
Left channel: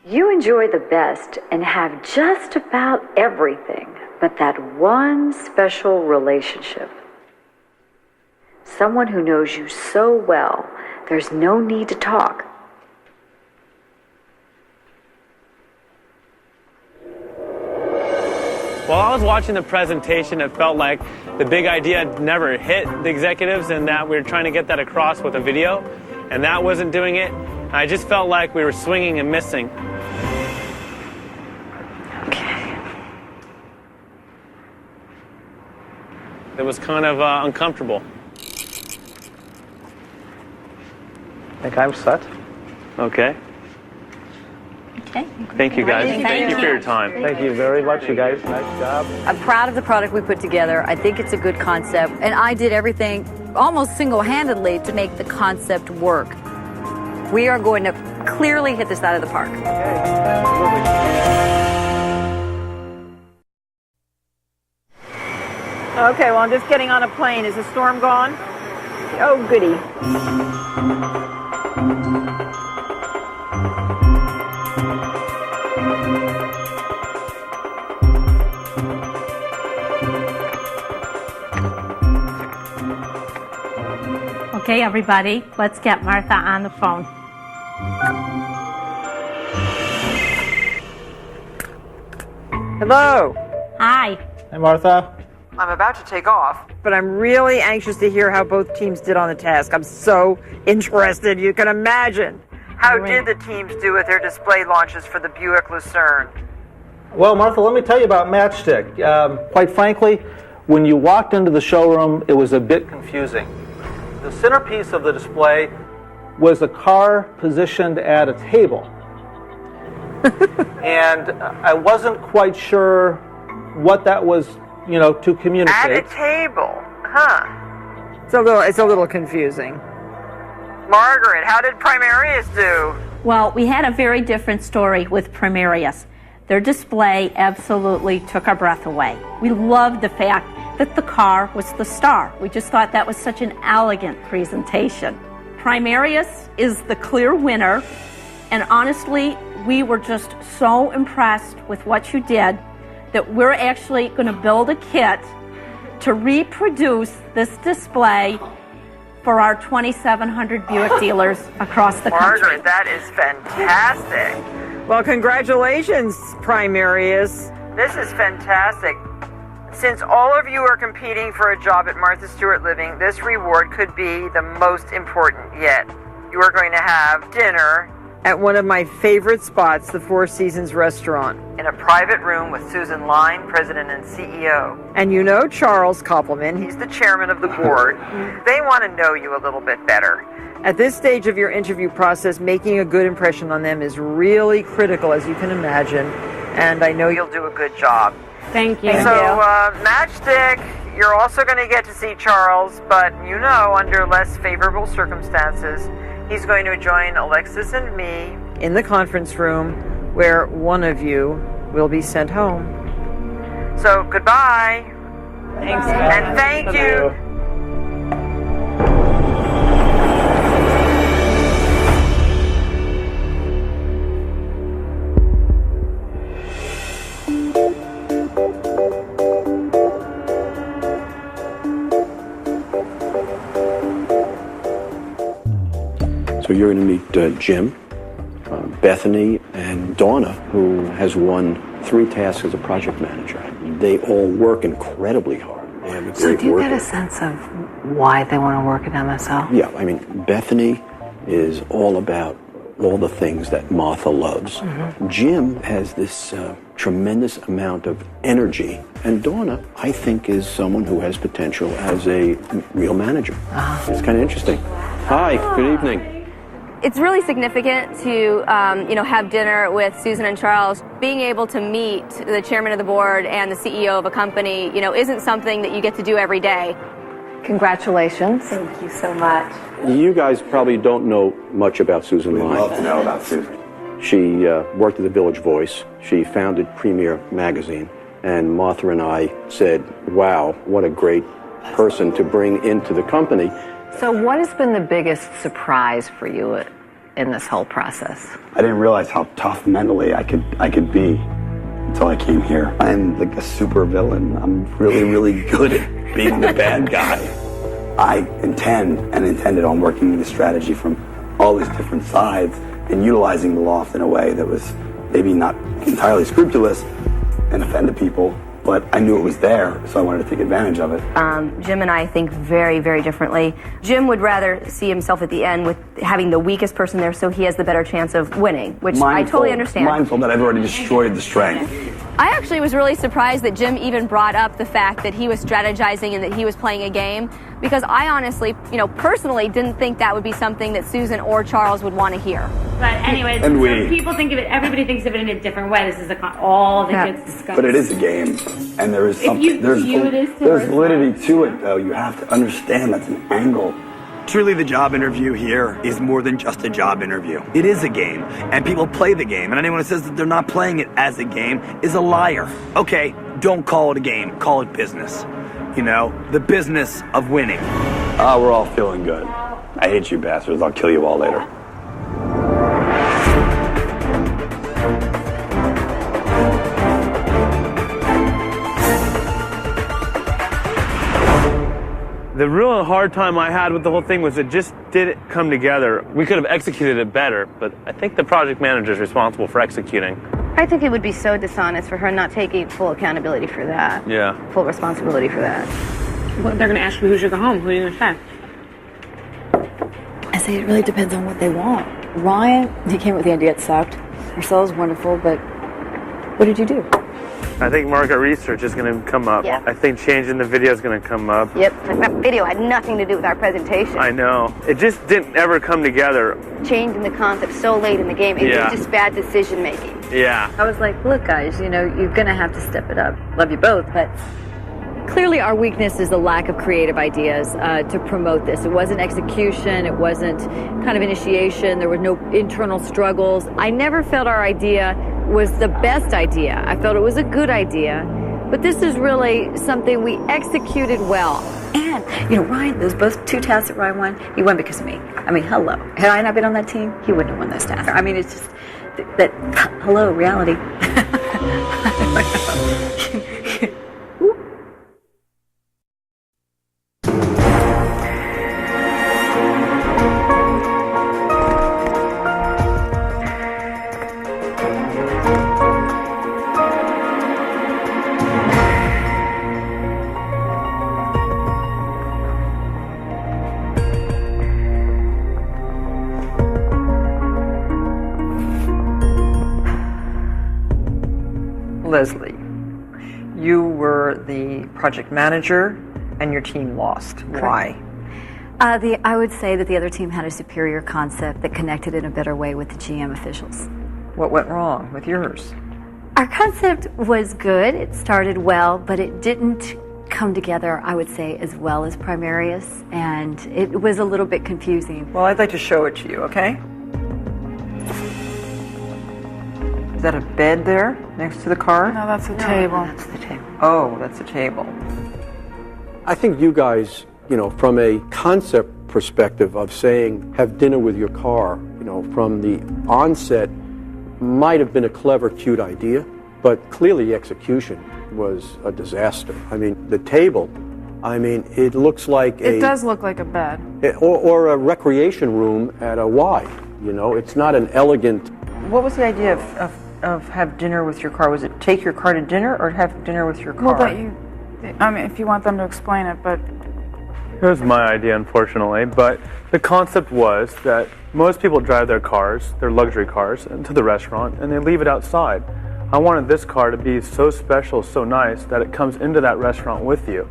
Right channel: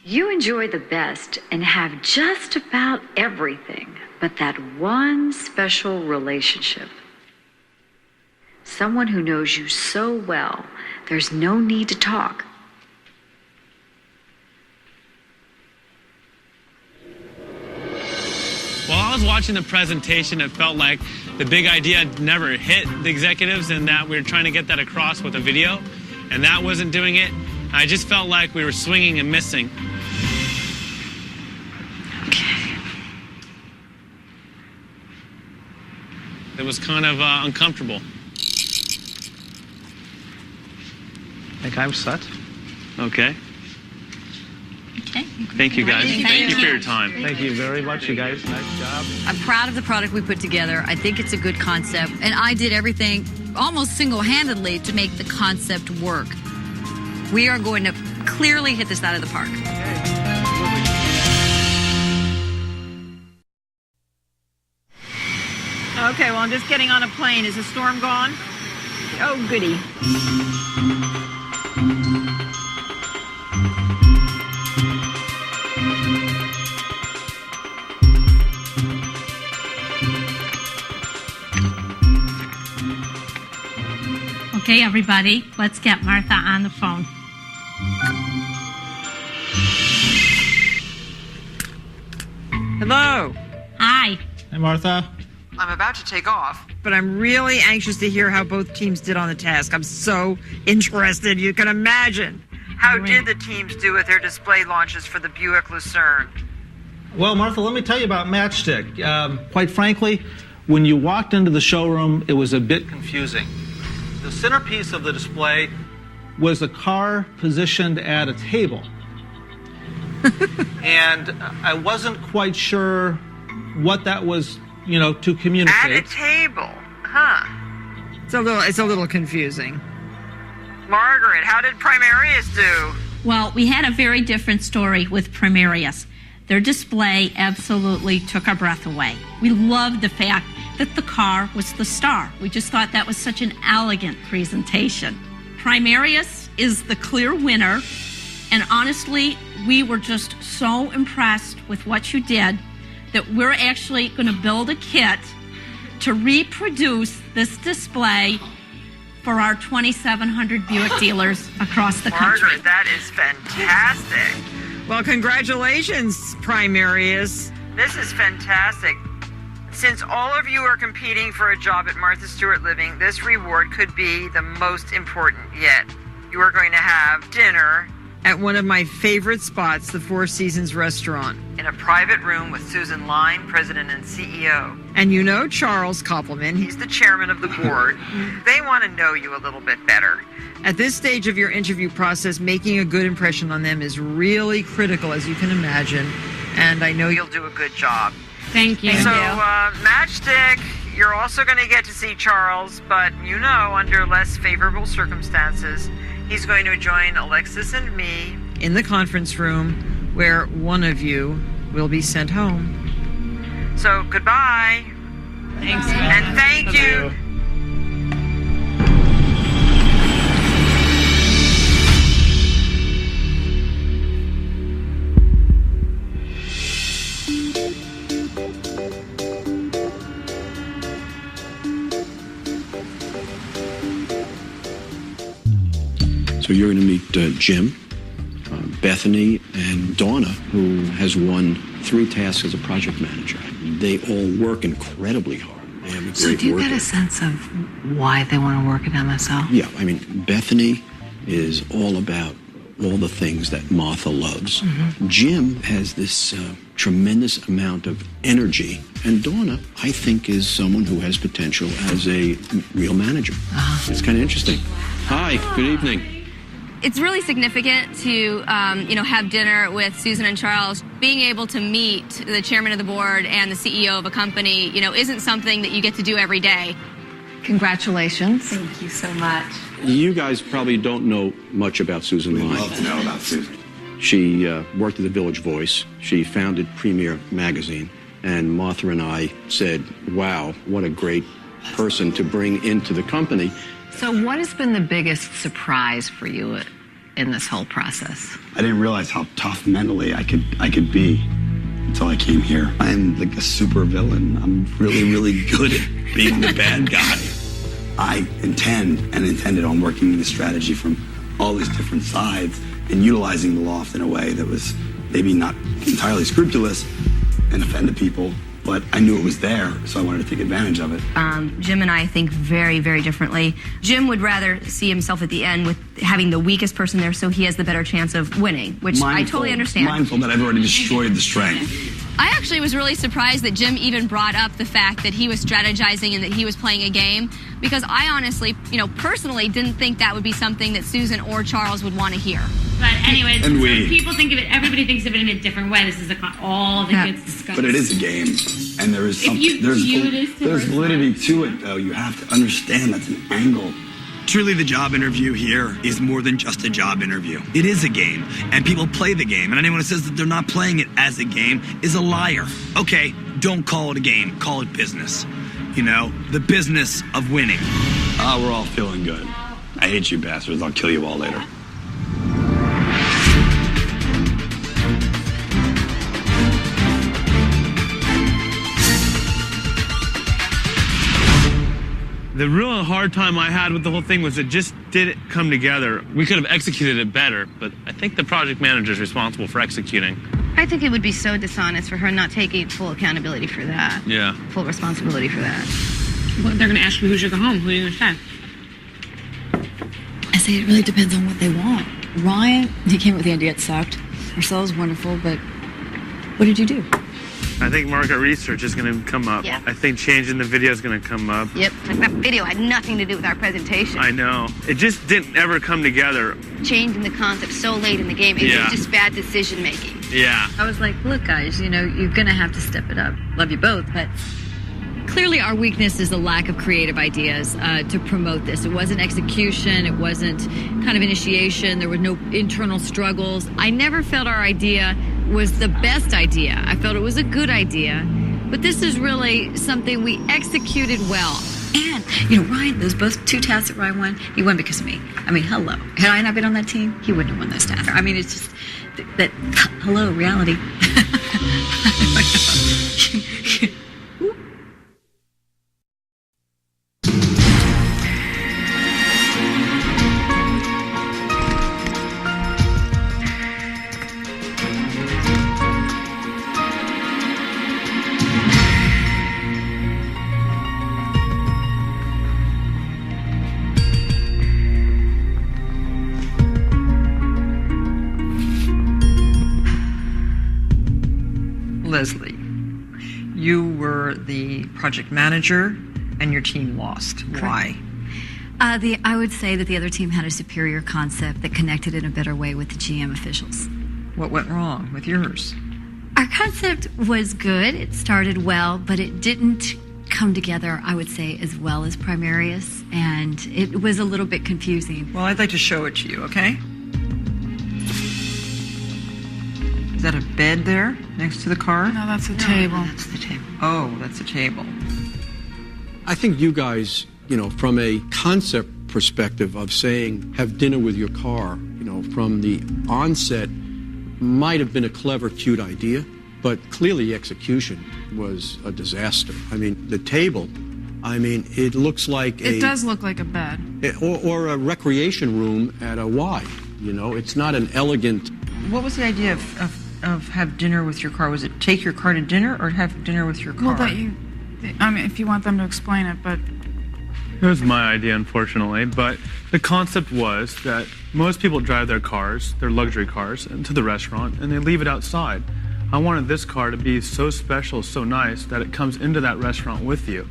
You enjoy the best and have just about everything, but that one special relationship. Someone who knows you so well, there's no need to talk. While I was watching the presentation, it felt like the big idea never hit the executives and that we were trying to get that across with a video, and that wasn't doing it. I just felt like we were swinging and missing. Okay. It was kind of uncomfortable. I think I'm set. Okay. Okay. Thank you, guys. Thank you for your time. Thank you very much, you guys. Nice job. I'm proud of the product we put together. I think it's a good concept, and I did everything almost single-handedly to make the concept work. We are going to clearly hit this out of the park. Okay, well, I'm just getting on a plane. Is the storm gone? Oh, goody. Okay, everybody, let's get Martha on the phone. Hello. Hi. Hey, Martha. I'm about to take off. but I'm really anxious to hear how both teams did on the task. I'm so interested, you can imagine. How did the teams do with their display launches for the Buick Lucerne? Well, Martha, let me tell you about Matchstick. Quite frankly, when you walked into the showroom, it was a bit confusing. The centerpiece of the display was a car positioned at a table. And I wasn't quite sure what that was, to communicate. At a table, huh? It's a little confusing. Margaret, how did Primarius do? Well, we had a very different story with Primarius. Their display absolutely took our breath away. We loved the fact that the car was the star. We just thought that was such an elegant presentation. Primarius is the clear winner, and honestly, we were just so impressed with what you did that we're actually going to build a kit to reproduce this display for our 2,700 Buick dealers across the country. Margaret, that is fantastic. Well, congratulations, Primarius. This is fantastic. Since all of you are competing for a job at Martha Stewart Living, this reward could be the most important yet. You are going to have dinner at one of my favorite spots, the Four Seasons Restaurant, in a private room with Susan Line, President and CEO. And you know Charles Koppelman, he's the chairman of the board. They want to know you a little bit better. At this stage of your interview process, making a good impression on them is really critical, as you can imagine, and I know you'll do a good job. Thank you. So, Matchstick, you're also going to get to see Charles, but under less favorable circumstances, he's going to join Alexis and me in the conference room where one of you will be sent home. So, goodbye. Thanks. And thank you. So you're going to meet Jim, Bethany, and Donna, who has won 3 tasks as a project manager. They all work incredibly hard. They have a So great do you work get a ethic. sense of why they want to work at MSL? Yeah, I mean, Bethany is all about all the things that Martha loves. Jim has this tremendous amount of energy, and Donna, I think, is someone who has potential as a real manager. It's kind of interesting. Hi, good evening. It's really significant to, have dinner with Susan and Charles. Being able to meet the chairman of the board and the CEO of a company, isn't something that you get to do every day. Congratulations. Thank you so much. You guys probably don't know much about Susan Line. We'd love to know about Susan. She worked at the Village Voice. She founded Premier Magazine. And Martha and I said, wow, what a great person to bring into the company. So what has been the biggest surprise for you in this whole process? I didn't realize how tough mentally I could be until I came here. I'm like a super villain. I'm really, really good at being the bad guy. I intended on working the strategy from all these different sides and utilizing the loft in a way that was maybe not entirely scrupulous and offended people, but I knew it was there, so I wanted to take advantage of it. Jim and I think very, very differently. Jim would rather see himself at the end with having the weakest person there so he has the better chance of winning, which I totally understand. Mindful that I've already destroyed the strength. I actually was really surprised that Jim even brought up the fact that he was strategizing and that he was playing a game, because I honestly, personally didn't think that would be something that Susan or Charles would want to hear. But anyways, And so we- people think of it, everybody thinks of it in a different way. This is all the kids discuss. But it is a game, and there is If something. you There's view it as there's to validity to it, though. You have to understand that's an angle. Truly, the job interview here is more than just a job interview. It is a game, and people play the game. And anyone who says that they're not playing it as a game is a liar. Okay, don't call it a game. Call it business. The business of winning. We're all feeling good. I hate you bastards. I'll kill you all later. The real hard time I had with the whole thing was it just didn't come together. We could have executed it better, but I think the project manager is responsible for executing. I think it would be so dishonest for her not taking full accountability for that. Yeah. Full responsibility for that. Well, they're going to ask you who's your go home. Who are you going to say? I say it really depends on what they want. Ryan, he came up with the idea, it sucked. Marcella's wonderful, but what did you do? I think market research is going to come up. Yeah. I think changing the video is going to come up. Yep. That video had nothing to do with our presentation. I know. It just didn't ever come together. Changing the concept so late in the game, it Yeah. was just bad decision making. Yeah. I was like, look, guys, you're going to have to step it up. Love you both, but clearly our weakness is the lack of creative ideas to promote this. It wasn't execution. It wasn't kind of initiation. There were no internal struggles. I never felt our idea was the best idea. I felt it was a good idea. But this is really something we executed well. And, Ryan, those both 2 tasks that Ryan won, he won because of me. I mean, hello. Had I not been on that team, he wouldn't have won those tasks. I mean, it's just that hello, reality. Leslie, you were the project manager and your team lost. Why? I would say that the other team had a superior concept that connected in a better way with the GM officials. What went wrong with yours? Our concept was good. It started well, but it didn't come together, I would say, as well as Primarius, and it was a little bit confusing. Well, I'd like to show it to you, okay? Is that a bed there next to the car? No, that's a table. That's the table. Oh, that's a table. I think you guys, from a concept perspective of saying, have dinner with your car, from the onset, might have been a clever, cute idea, but clearly execution was a disaster. I mean, the table, it looks like It does look like a bed. or a recreation room at a Y. It's not an elegant. What was the idea of have dinner with your car? Was it take your car to dinner or have dinner with your car? Well, if you want them to explain it, but It was my idea, unfortunately, but the concept was that most people drive their cars, their luxury cars, into the restaurant and they leave it outside. I wanted this car to be so special, so nice, that it comes into that restaurant with you.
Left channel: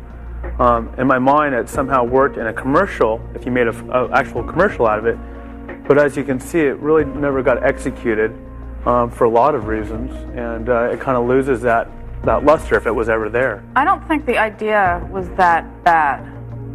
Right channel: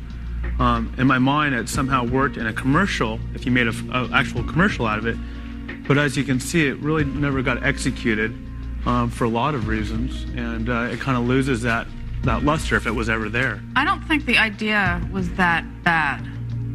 In my mind, it somehow worked in a commercial, if you made an actual commercial out of it, but as you can see, it really never got executed for a lot of reasons, and it kind of loses that luster if it was ever there. I don't think the idea was that bad.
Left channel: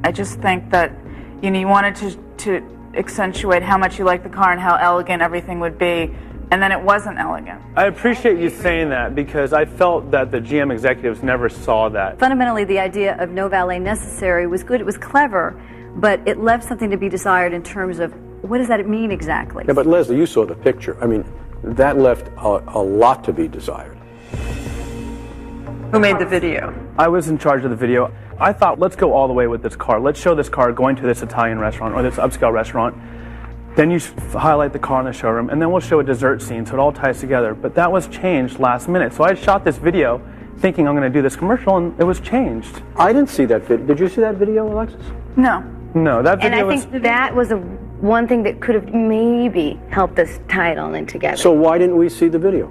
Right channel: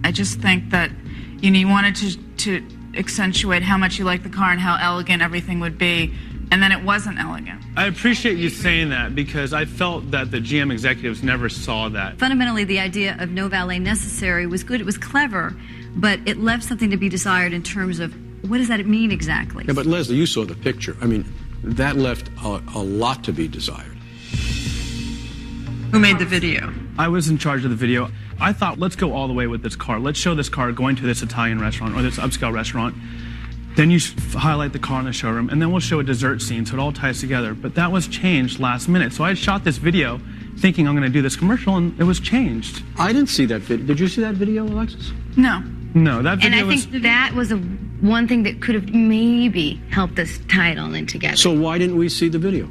I just think that you wanted to accentuate how much you liked the car and how elegant everything would be, and then it wasn't elegant. I appreciate you saying that because I felt that the GM executives never saw that. Fundamentally, the idea of no valet necessary was good. It was clever, but it left something to be desired in terms of what does that mean exactly? Yeah, but Leslie, you saw the picture. That left a lot to be desired. Who made the video? I was in charge of the video. I thought, let's go all the way with this car. Let's show this car going to this Italian restaurant or this upscale restaurant. Then you highlight the car in the showroom, and then we'll show a dessert scene so it all ties together. But that was changed last minute. So I had shot this video thinking I'm going to do this commercial, and it was changed. I didn't see that video. Did you see that video, Alexis? No. No, that video And I think that was one thing that could have maybe helped us tie it all in together. So why didn't we see the video?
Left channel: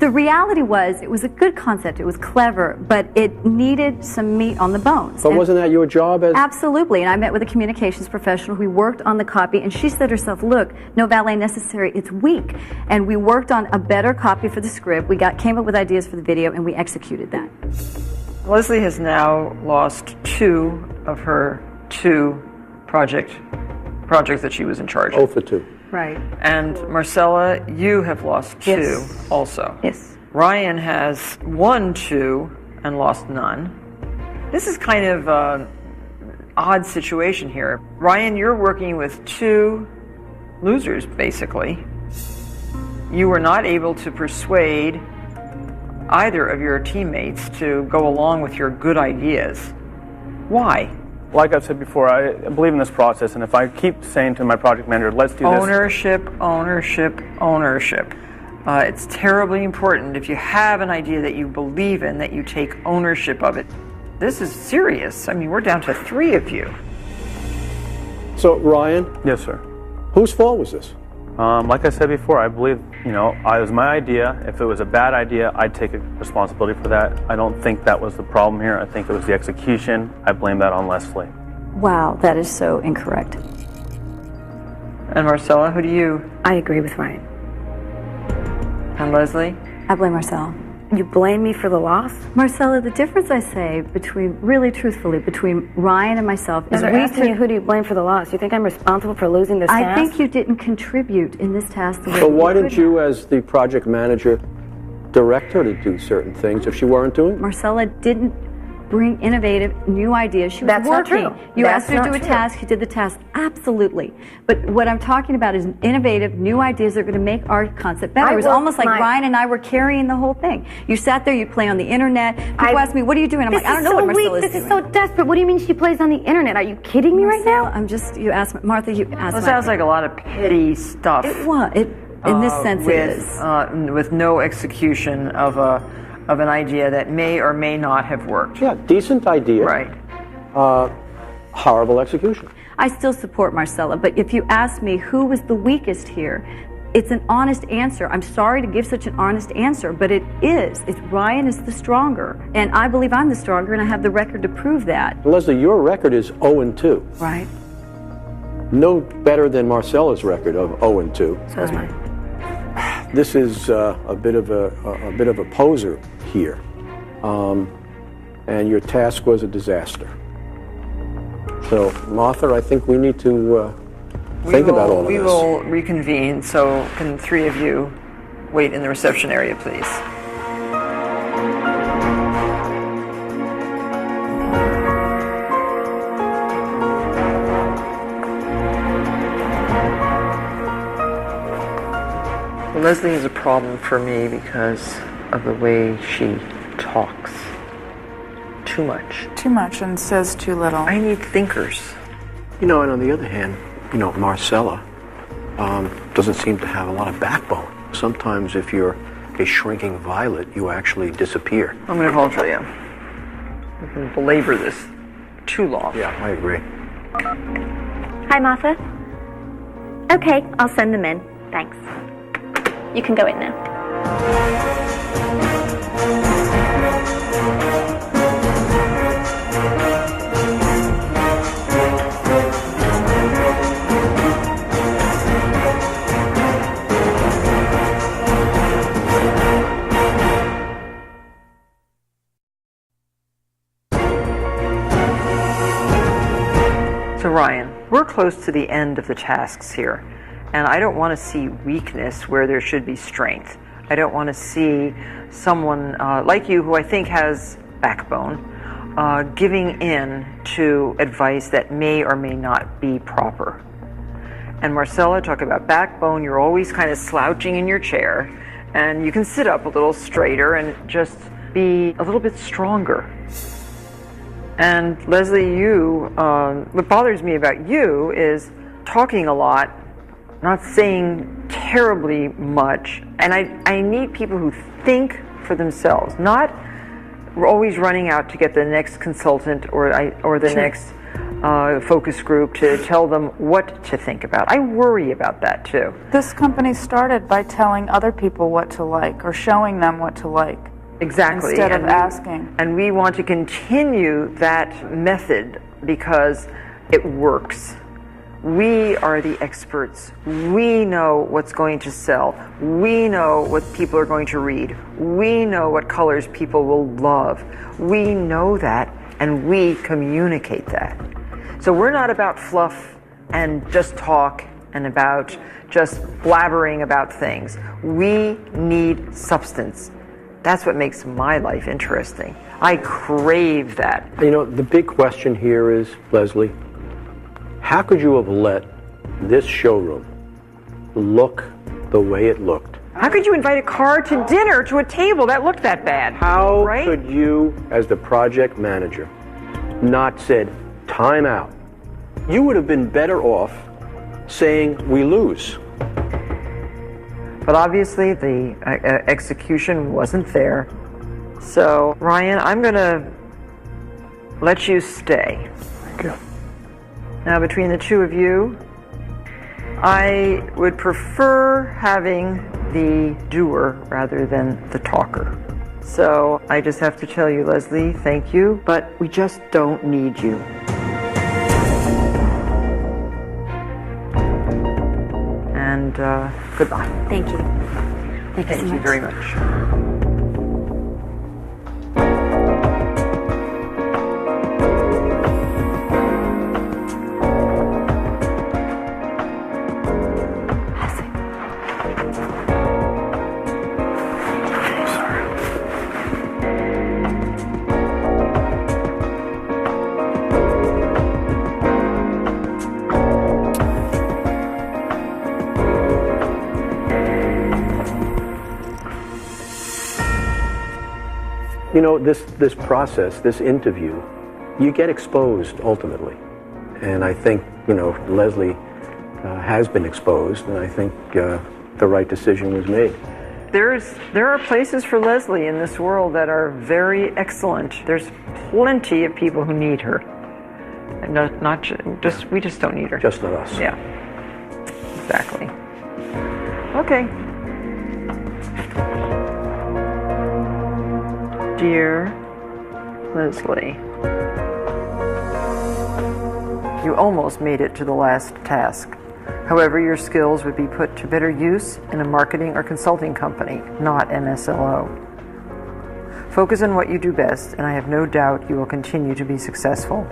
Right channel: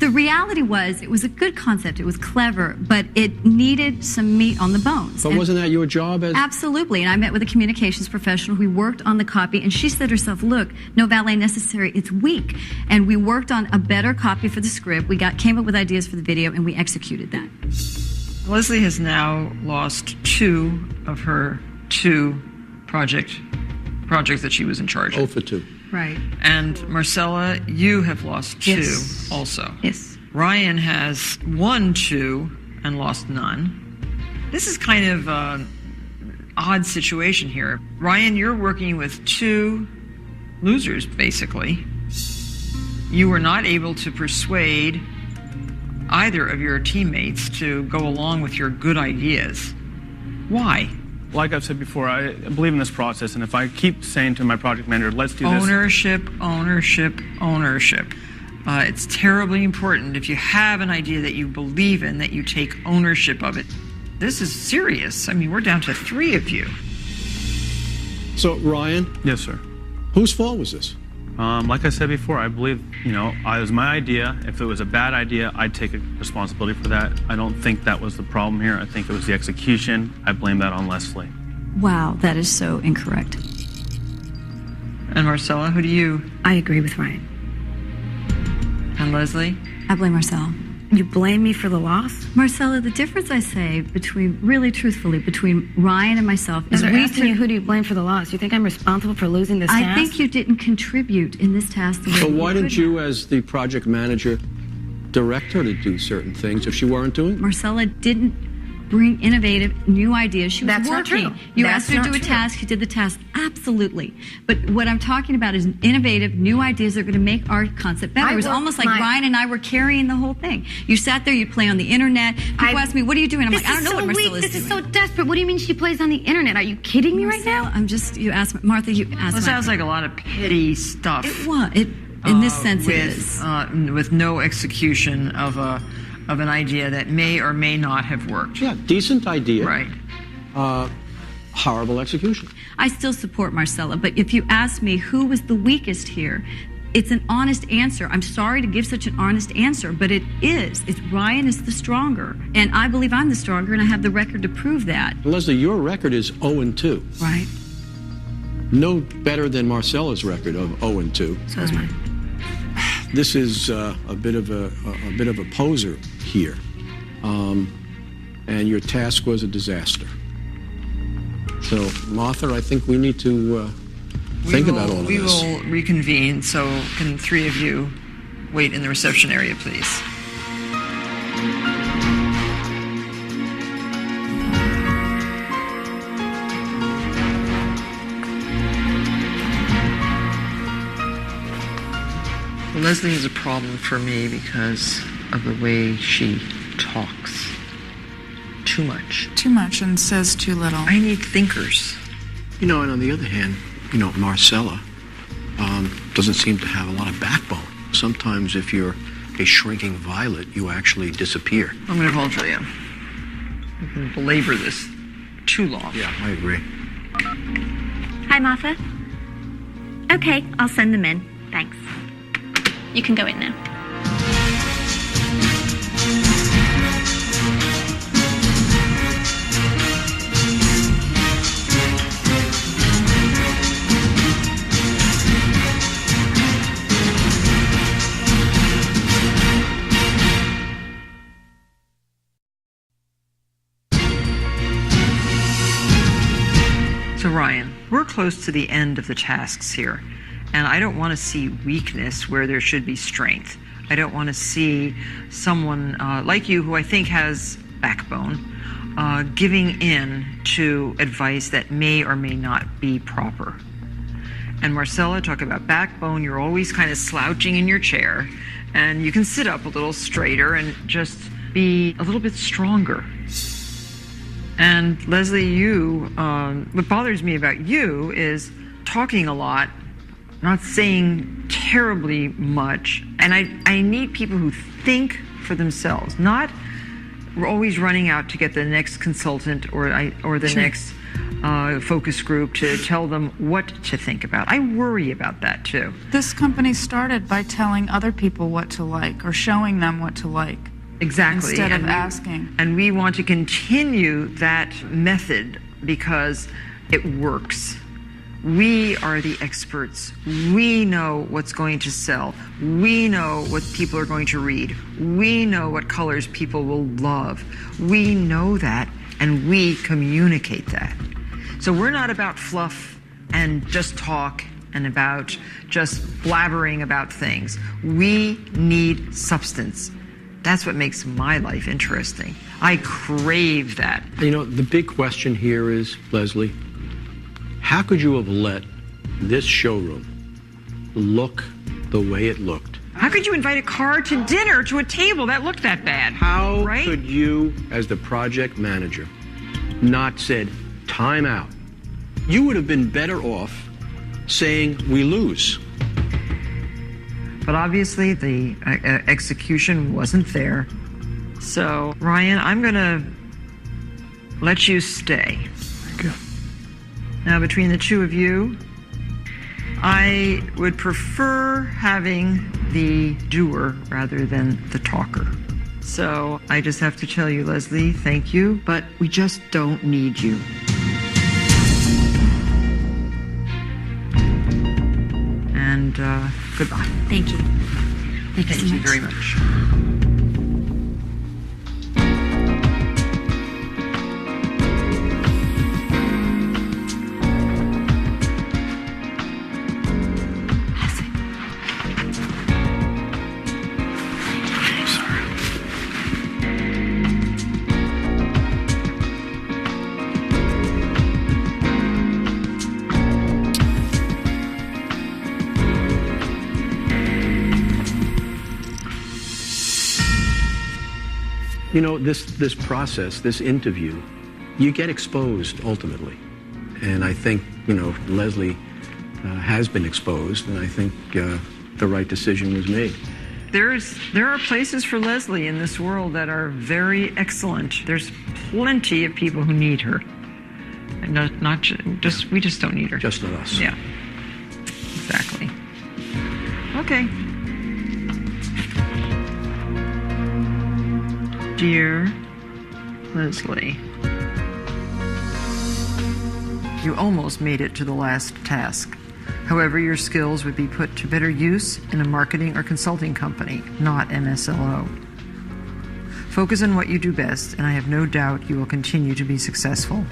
The reality was it was a good concept. It was clever, but it needed some meat on the bones. But wasn't that your job as... Absolutely, and I met with a communications professional who worked on the copy, and she said herself, look, no valet necessary, it's weak. And we worked on a better copy for the script. We came up with ideas for the video, and we executed that. Leslie has now lost 2 of her 2 projects that she was in charge of. 0 for 2. Right. And Marcella, you have lost 2 Yes. also. Yes. Ryan has won 2 and lost none. This is kind of an odd situation here. Ryan, you're working with 2 losers, basically. You were not able to persuade either of your teammates to go along with your good ideas. Why? Like I've said before, I believe in this process, and if I keep saying to my project manager, let's do this. Ownership, ownership, ownership. It's terribly important if you have an idea that you believe in, that you take ownership of it. this is serious. I mean, we're down to 3 of you. So, Ryan? Yes, sir. Whose fault was this? Like I said before, I believe, it was my idea. If it was a bad idea, I'd take responsibility for that. I don't think that was the problem here. I think it was the execution. I blame that on Leslie. Wow, that is so incorrect. And Marcella, who do you? I agree with Ryan. And Leslie? I blame Marcella. You blame me for the loss? Marcella, the difference I say between, really truthfully, between Ryan and myself is they're asking you who do you blame for the loss. You think I'm responsible for losing this task? I think you didn't contribute in this task the way So you why could didn't you, as the project manager, direct her to do certain things if she weren't doing it? Marcella didn't bring innovative, new ideas. She was That's not working. true. You That's asked her to not do a true. task, she did the task. Absolutely. But what I'm talking about is innovative, new ideas that are going to make our concept better. I It was worked almost like my- Ryan and I were carrying the whole thing. You sat there, you play on the internet. People ask me, what are you doing? I'm like, I don't know what Marcella is doing. This is so desperate. What do you mean she plays on the internet? Are you kidding me right now? I'm just, you asked, Martha, you asked. Well, it sounds like a lot of petty stuff. It was. In this sense, it is. With no execution of an idea that may or may not have worked. Yeah, decent idea. Right. Horrible execution. I still support Marcella, but if you ask me who was the weakest here, it's an honest answer. I'm sorry to give such an honest answer, but it is. It's Ryan is the stronger, and I believe I'm the stronger, and I have the record to prove that. Leslie, your record is 0-2. Right. No better than Marcella's record of 0-2. So is mine. This is a bit of a poser here, and your task was a disaster. So, Martha, I think we need to think about all of this. We will reconvene, so can 3 of you wait in the reception area, please? Leslie is a problem for me because of the way she talks. Too much. Too much and says too little. I need thinkers. And on the other hand, Marcella doesn't seem to have a lot of backbone. Sometimes if you're a shrinking violet, you actually disappear. I'm going to call Julia. We can belabor this too long. Yeah, I agree. Hi, Martha. Okay, I'll send them in. Thanks. You can go in now. So Ryan, we're close to the end of the tasks here, and I don't want to see weakness where there should be strength. I don't want to see someone like you, who I think has backbone, giving in to advice that may or may not be proper. And Marcella, talk about backbone, you're always kind of slouching in your chair, and you can sit up a little straighter and just be a little bit stronger. And Leslie, what bothers me about you is talking a lot, not saying terribly much. And I need people who think for themselves, not always running out to get the next consultant or the next focus group to tell them what to think about. I worry about that too. This company started by telling other people what to like or showing them what to like. Exactly. Instead of asking. And we want to continue that method because it works. We are the experts. We know what's going to sell. We know what people are going to read. We know what colors people will love. We know that, and we communicate that. So we're not about fluff and just talk and about just blabbering about things. We need substance. That's what makes my life interesting. I crave that. The big question here is, Leslie, how could you have let this showroom look the way it looked? How could you invite a car to dinner to a table that looked that bad? How could you, as the project manager, not said, time out? You would have been better off saying, we lose. But obviously the execution wasn't there. So Ryan, I'm gonna let you stay. Thank you. Now, between the two of you, I would prefer having the doer rather than the talker. So I just have to tell you, Leslie, thank you, but we just don't need you. And goodbye. Thank you. Thank you so much. very much. You know, this process, this interview, you get exposed ultimately. And I think, you know, Leslie has been exposed, and I think the right decision was made. There are places for Leslie in this world that are very excellent. There's plenty of people who need her. And we just don't need her. Just not us. Yeah, exactly. Okay. Dear Leslie, you almost made it to the last task. However, your skills would be put to better use in a marketing or consulting company, not MSLO. Focus on what you do best, and I have no doubt you will continue to be successful.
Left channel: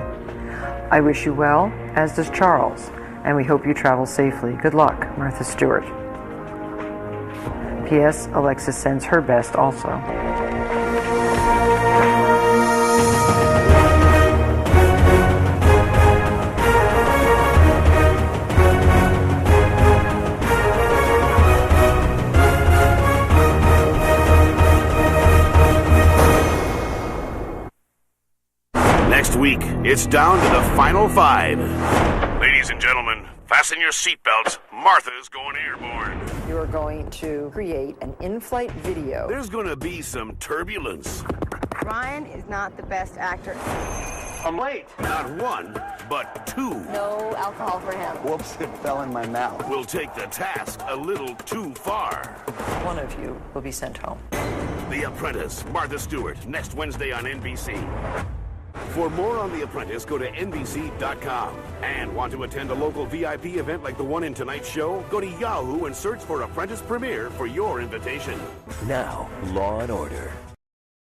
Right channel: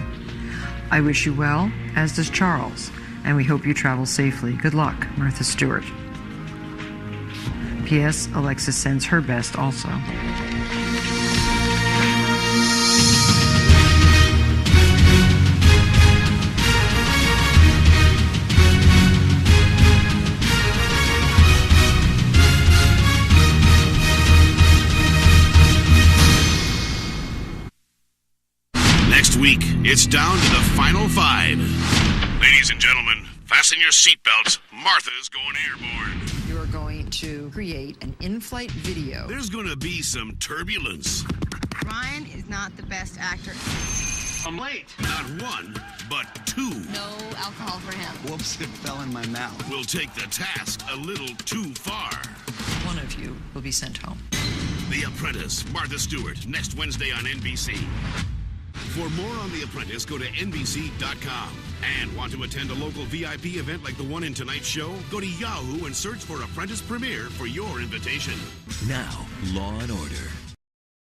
I wish you well, as does Charles, and we hope you travel safely. Good luck, Martha Stewart. P.S. Alexis sends her best also. Next week, it's down to the final 5. Ladies and gentlemen, fasten your seatbelts. Martha's going airborne. You are going to create an in-flight video. There's going to be some turbulence. Ryan is not the best actor. I'm late. Not 1, but 2. No alcohol for him. Whoops, it fell in my mouth. We'll take the task a little too far. One of you will be sent home. The Apprentice, Martha Stewart, next Wednesday on NBC. For more on The Apprentice, go to NBC.com. And want to attend a local VIP event like the one in tonight's show? Go to Yahoo and search for Apprentice Premiere for your invitation. Now, Law & Order.